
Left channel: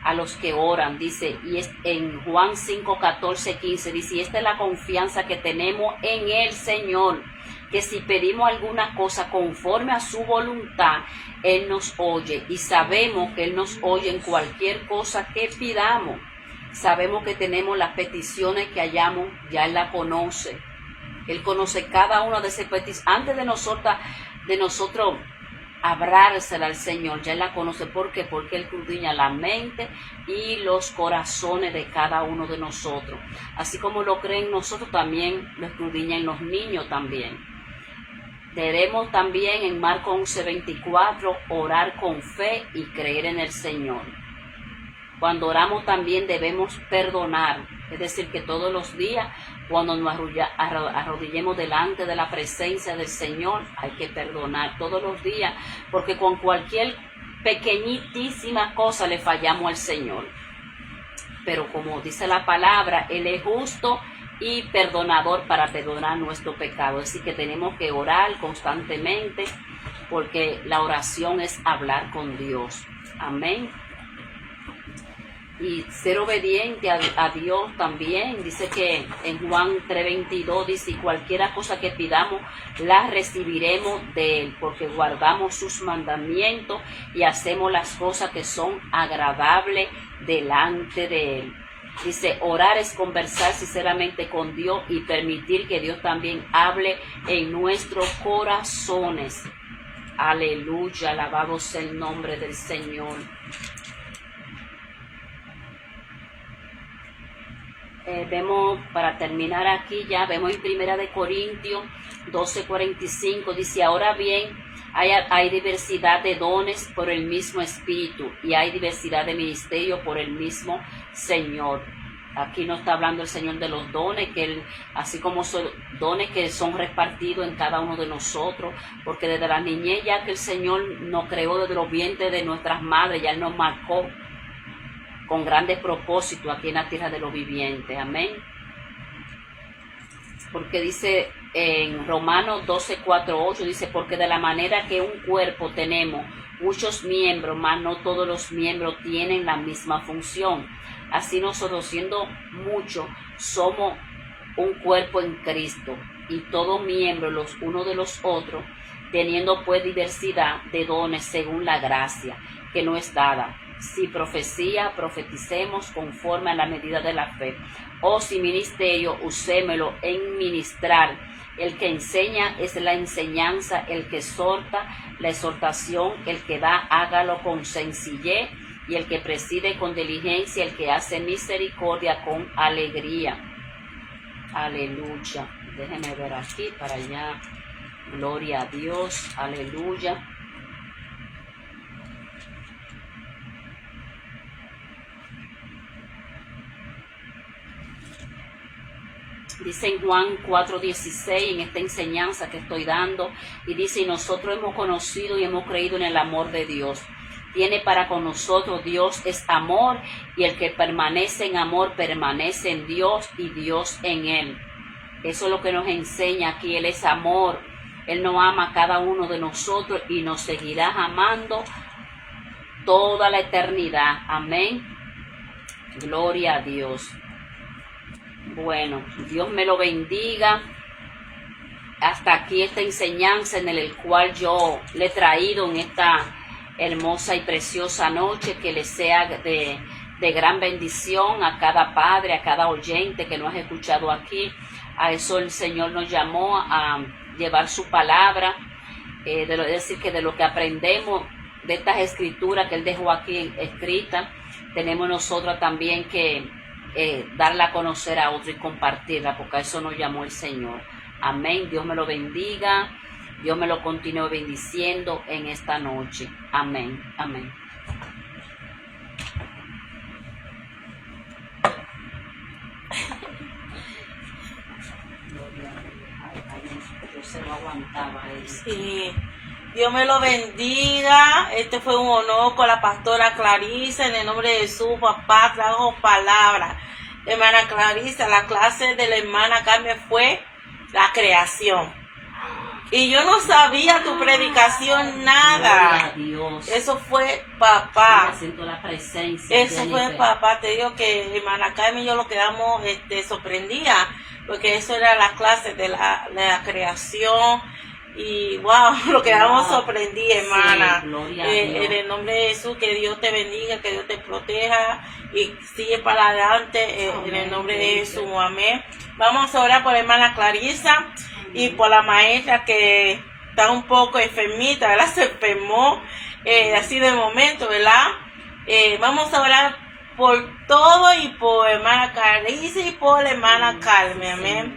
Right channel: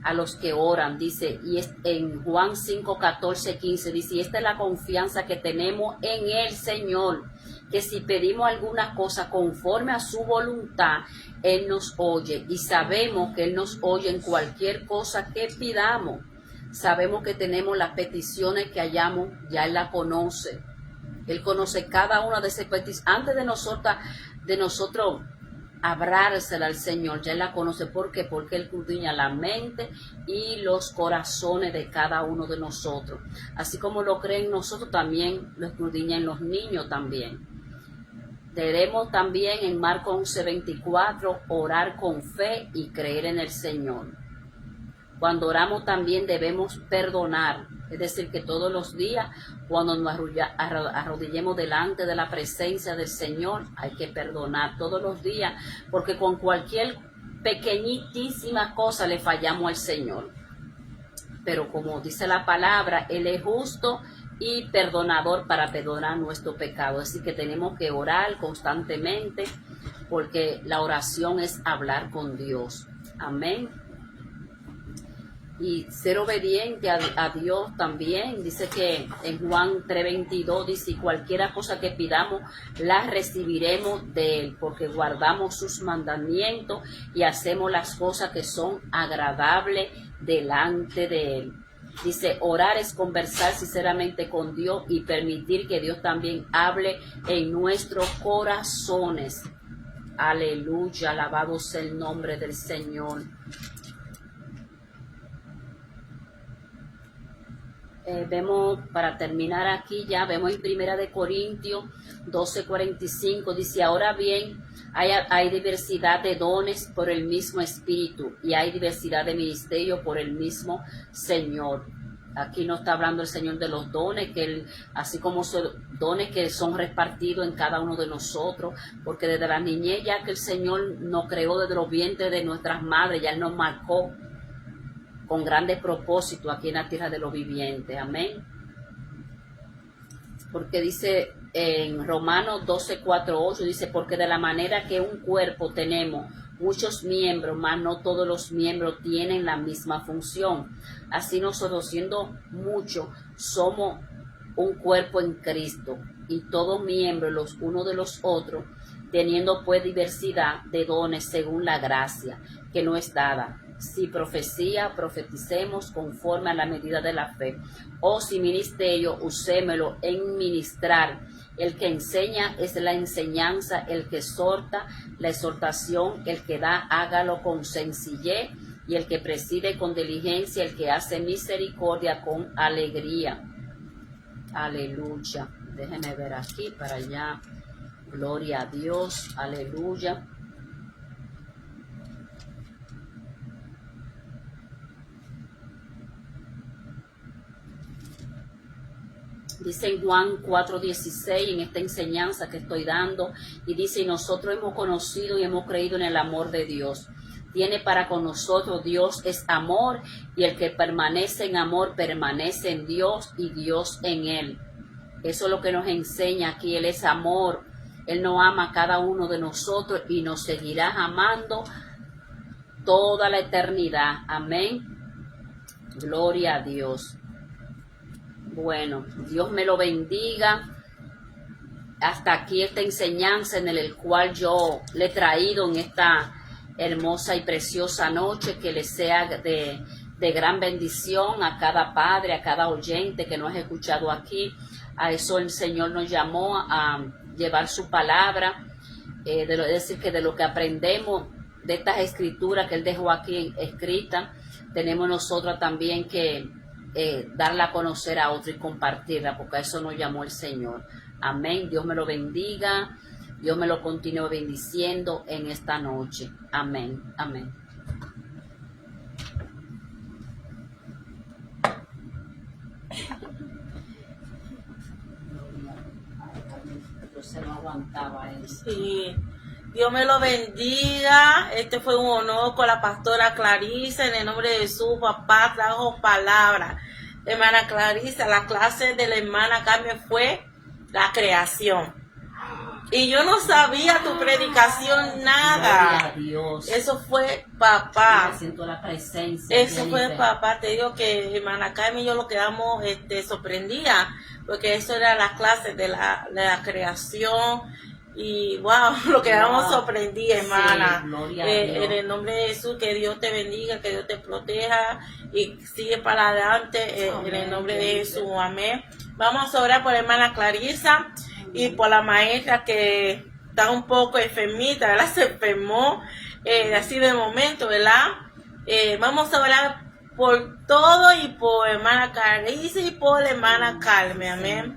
a los que oran, dice, y es en Juan 5:14-15, dice, y esta es la confianza que tenemos en el Señor, que si pedimos alguna cosa conforme a su voluntad, Él nos oye, y sabemos que Él nos oye en cualquier cosa que pidamos. Sabemos que tenemos las peticiones que hayamos, ya Él la conoce. Él conoce cada una de esas peticiones. Antes de nosotros hablársela al Señor, ya Él la conoce. ¿Por qué? Porque Él escudriña la mente y los corazones de cada uno de nosotros. Así como lo creen nosotros, también lo escudriñan los niños también. Debemos también en Marcos 11:24 orar con fe y creer en el Señor. Cuando oramos también debemos perdonar, es decir, que todos los días cuando nos arrodillemos delante de la presencia del Señor hay que perdonar todos los días, porque con cualquier pequeñísima cosa le fallamos al Señor. Pero como dice la palabra, Él es justo y perdonador para perdonar nuestro pecado. Así que tenemos que orar constantemente, porque la oración es hablar con Dios. Amén. Y ser obediente a Dios también. Dice que en Juan 3:22 dice, cualquiera cosa que pidamos la recibiremos de Él, porque guardamos sus mandamientos y hacemos las cosas que son agradables delante de Él. Dice, orar es conversar sinceramente con Dios y permitir que Dios también hable en nuestros corazones. Aleluya, alabado sea el nombre del Señor. Vemos, para terminar aquí ya, vemos en 1 Corintios 12:45, dice, ahora bien, hay diversidad de dones por el mismo Espíritu y hay diversidad de ministerios por el mismo Señor. Aquí no está hablando el Señor de los dones, que Él, así como son dones que son repartidos en cada uno de nosotros, porque desde la niñez ya que el Señor nos creó desde los vientres de nuestras madres, ya Él nos marcó con grandes propósitos aquí en la tierra de los vivientes. Amén. Porque dice en Romanos 12:4-8, dice, porque de la manera que un cuerpo tenemos muchos miembros, mas no todos los miembros tienen la misma función. Así nosotros, siendo muchos, somos un cuerpo en Cristo, y todos miembros los unos de los otros, teniendo pues diversidad de dones según la gracia que nos es dada. Si profecía, profeticemos conforme a la medida de la fe. O si ministerio, usémelo en ministrar. El que enseña es la enseñanza, el que exhorta, la exhortación, el que da, hágalo con sencillez, y el que preside con diligencia, el que hace misericordia con alegría. Aleluya. Déjenme ver aquí para allá. Gloria a Dios. Aleluya. Dice en Juan 4:16, en esta enseñanza que estoy dando, y dice: y nosotros hemos conocido y hemos creído en el amor de Dios. Tiene para con nosotros, Dios es amor, y el que permanece en amor permanece en Dios y Dios en él. Eso es lo que nos enseña aquí. Él es amor. Él nos ama a cada uno de nosotros y nos seguirá amando toda la eternidad. Amén. Gloria a Dios. Bueno, Dios me lo bendiga. Hasta aquí esta enseñanza en el cual yo le he traído en esta hermosa y preciosa noche. Que le sea de gran bendición a cada padre, a cada oyente que nos ha escuchado aquí. A eso el Señor nos llamó, a llevar su palabra. Es decir, que de lo que aprendemos de estas escrituras que Él dejó aquí escritas, tenemos nosotros también que darla a conocer a otro y compartirla, porque a eso nos llamó el Señor. Amén. Dios me lo bendiga. Dios me lo continúe bendiciendo en esta noche. Amén. Amén. Yo se lo aguantaba eso. Sí. Dios me lo bendiga. Este fue un honor con la pastora Clarisa. En el nombre de Jesús, papá, trajo palabra. Hermana Clarisa, la clase de la hermana Carmen fue la creación. Y yo no sabía tu predicación nada. Dios. Eso fue papá. Siento la presencia. Eso fue papá. Te digo que hermana Carmen y yo lo quedamos sorprendida, porque eso era la clase de la creación. Y wow, lo quedamos sorprendidos, hermana. Sí, gloria a Dios. En el nombre de Jesús, que Dios te bendiga, que Dios te proteja y sigue para adelante en el nombre de Jesús. Amén. Vamos a orar por la hermana Clarisa y por la maestra que está un poco enfermita, ¿verdad? Se enfermó así de momento, ¿verdad? Vamos a orar por todo y por hermana Clarisa y por la hermana Carmen. Amén.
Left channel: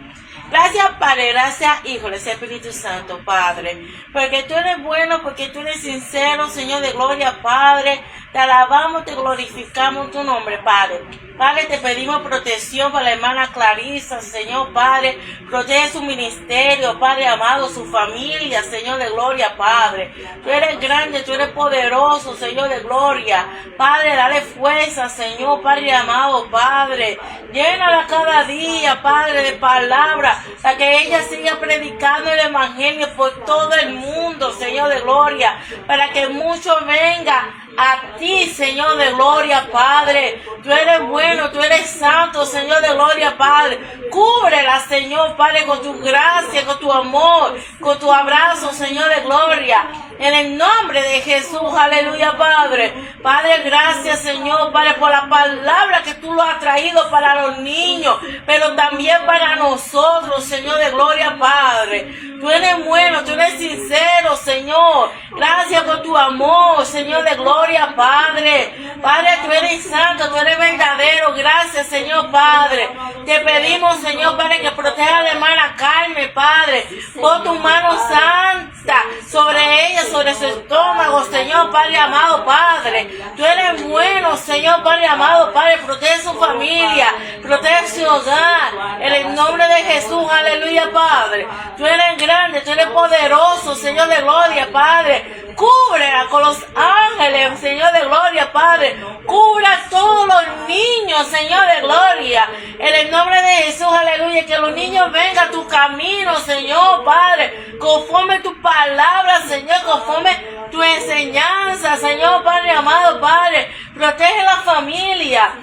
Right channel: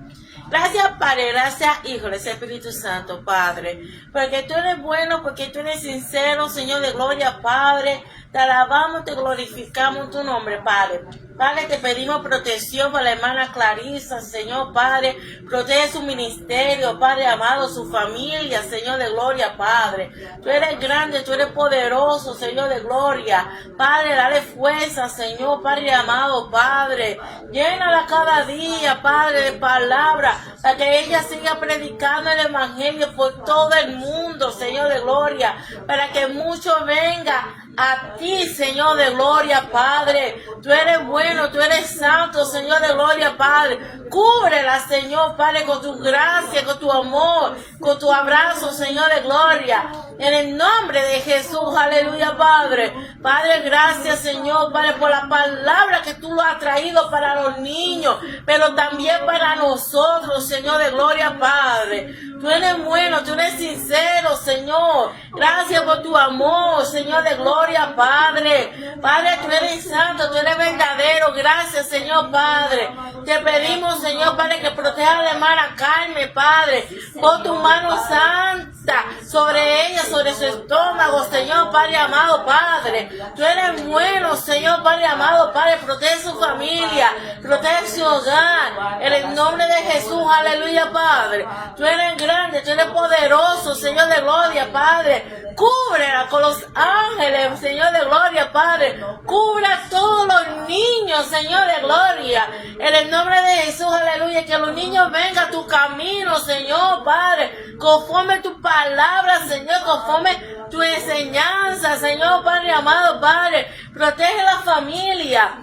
Gracias, Padre, gracias, Hijo, gracias, Espíritu Santo, Padre, porque tú eres bueno, porque tú eres sincero, Señor de gloria, Padre. Te alabamos, te glorificamos en tu nombre, Padre. Padre, te pedimos protección para la hermana Clarisa, Señor, Padre. Protege su ministerio, Padre amado, su familia, Señor de gloria, Padre. Tú eres grande, tú eres poderoso, Señor de gloria. Padre, dale fuerza, Señor, Padre amado, Padre. Llénala cada día, Padre, de palabra, para que ella siga predicando el evangelio por todo el mundo, Señor de gloria, para que muchos vengan a ti, Señor de gloria, Padre. Tú eres bueno, tú eres santo, Señor de gloria, Padre. Cúbrela, Señor, Padre, con tu gracia, con tu amor, con tu abrazo, Señor de gloria. En el nombre de Jesús, aleluya, Padre. Padre, gracias, Señor, Padre, por la palabra que tú lo has traído para los niños, pero también para nosotros, Señor de gloria, Padre. Tú eres bueno, tú eres sincero, Señor. Gracias por tu amor, Señor de gloria, Padre. Padre, tú eres santo, tú eres verdadero. Gracias, Señor, Padre. Te pedimos, Señor, Padre, que proteja a la hermana Carmen, Padre. Pon tu mano santa sobre ella, sobre su estómago, Señor, Padre amado, Padre. Tú eres bueno, Señor, Padre amado, Padre. Protege su familia, protege su hogar. En el nombre de Jesús, aleluya, Padre. Tú eres grande, tú eres poderoso, Señor de gloria, Padre. Cúbrela con los ángeles, Señor de gloria, Padre. Cubra a todos los niños, Señor de gloria. En el nombre de Jesús, aleluya. Que los niños vengan a tu camino, Señor, Padre. Conforme tu palabra, Señor, conforme tu enseñanza, Señor, Padre amado, Padre. Protege la familia.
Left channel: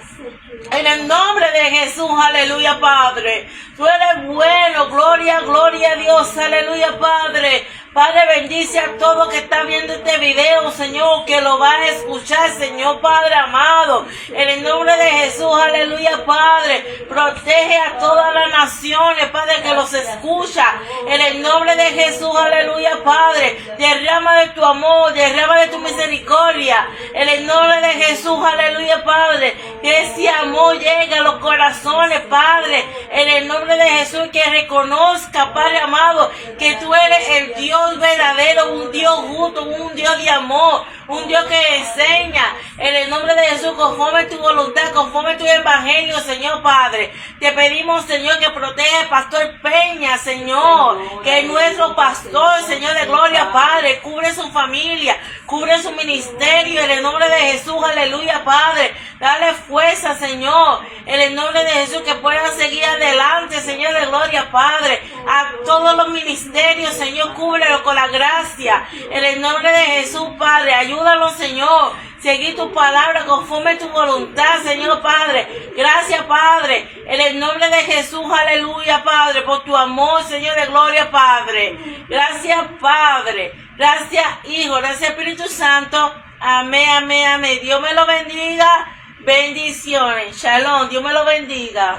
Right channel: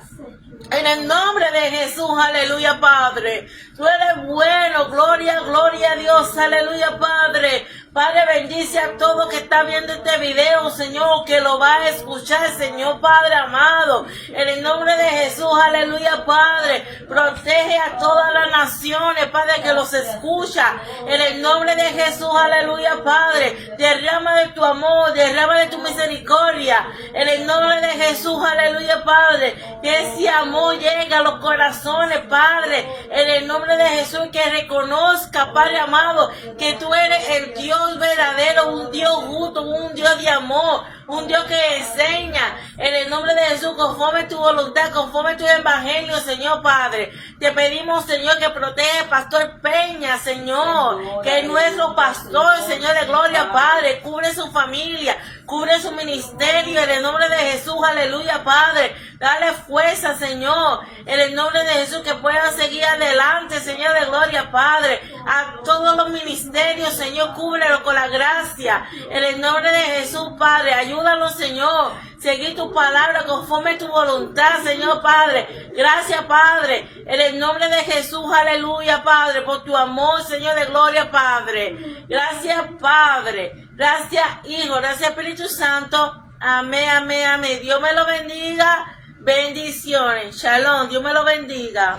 En el nombre de Jesús, aleluya, Padre. Tú eres bueno, gloria, gloria a Dios, aleluya, Padre. Padre, bendice a todo que está viendo este video, Señor, que lo va a escuchar, Señor, Padre amado. En el nombre de Jesús, aleluya, Padre. Protege a todas las naciones, Padre, que los escucha. En el nombre de Jesús, aleluya, Padre. Derrama de tu amor, derrama de tu misericordia. En el nombre de Jesús, aleluya, Padre. Que ese amor llegue a los corazones, Padre. En el nombre de Jesús, que reconozca, Padre amado, que tú eres el Dios verdadero, un Dios justo, un Dios de amor, un Dios que enseña. En el nombre de Jesús, conforme tu voluntad, conforme tu evangelio, Señor Padre. Te pedimos, Señor, que protege al pastor Peña, Señor, que es nuestro pastor, Señor de gloria, Padre. Cubre su familia, cubre su ministerio, en el nombre de Jesús, aleluya, Padre. Dale fuerza, Señor, en el nombre de Jesús, que puedan seguir adelante, Señor de gloria, Padre. A todos los ministerios, Señor, cúbrelo con la gracia, en el nombre de Jesús, Padre. Ayúdanos, Señor, seguir tu palabra conforme tu voluntad, Señor, Padre. Gracias, Padre, en el nombre de Jesús, aleluya, Padre, por tu amor, Señor de gloria, Padre. Gracias, Padre. Gracias, Hijo. Gracias, Espíritu Santo. Amén, amén, amén. Dios me lo bendiga. Bendiciones. Shalom. Dios me lo bendiga.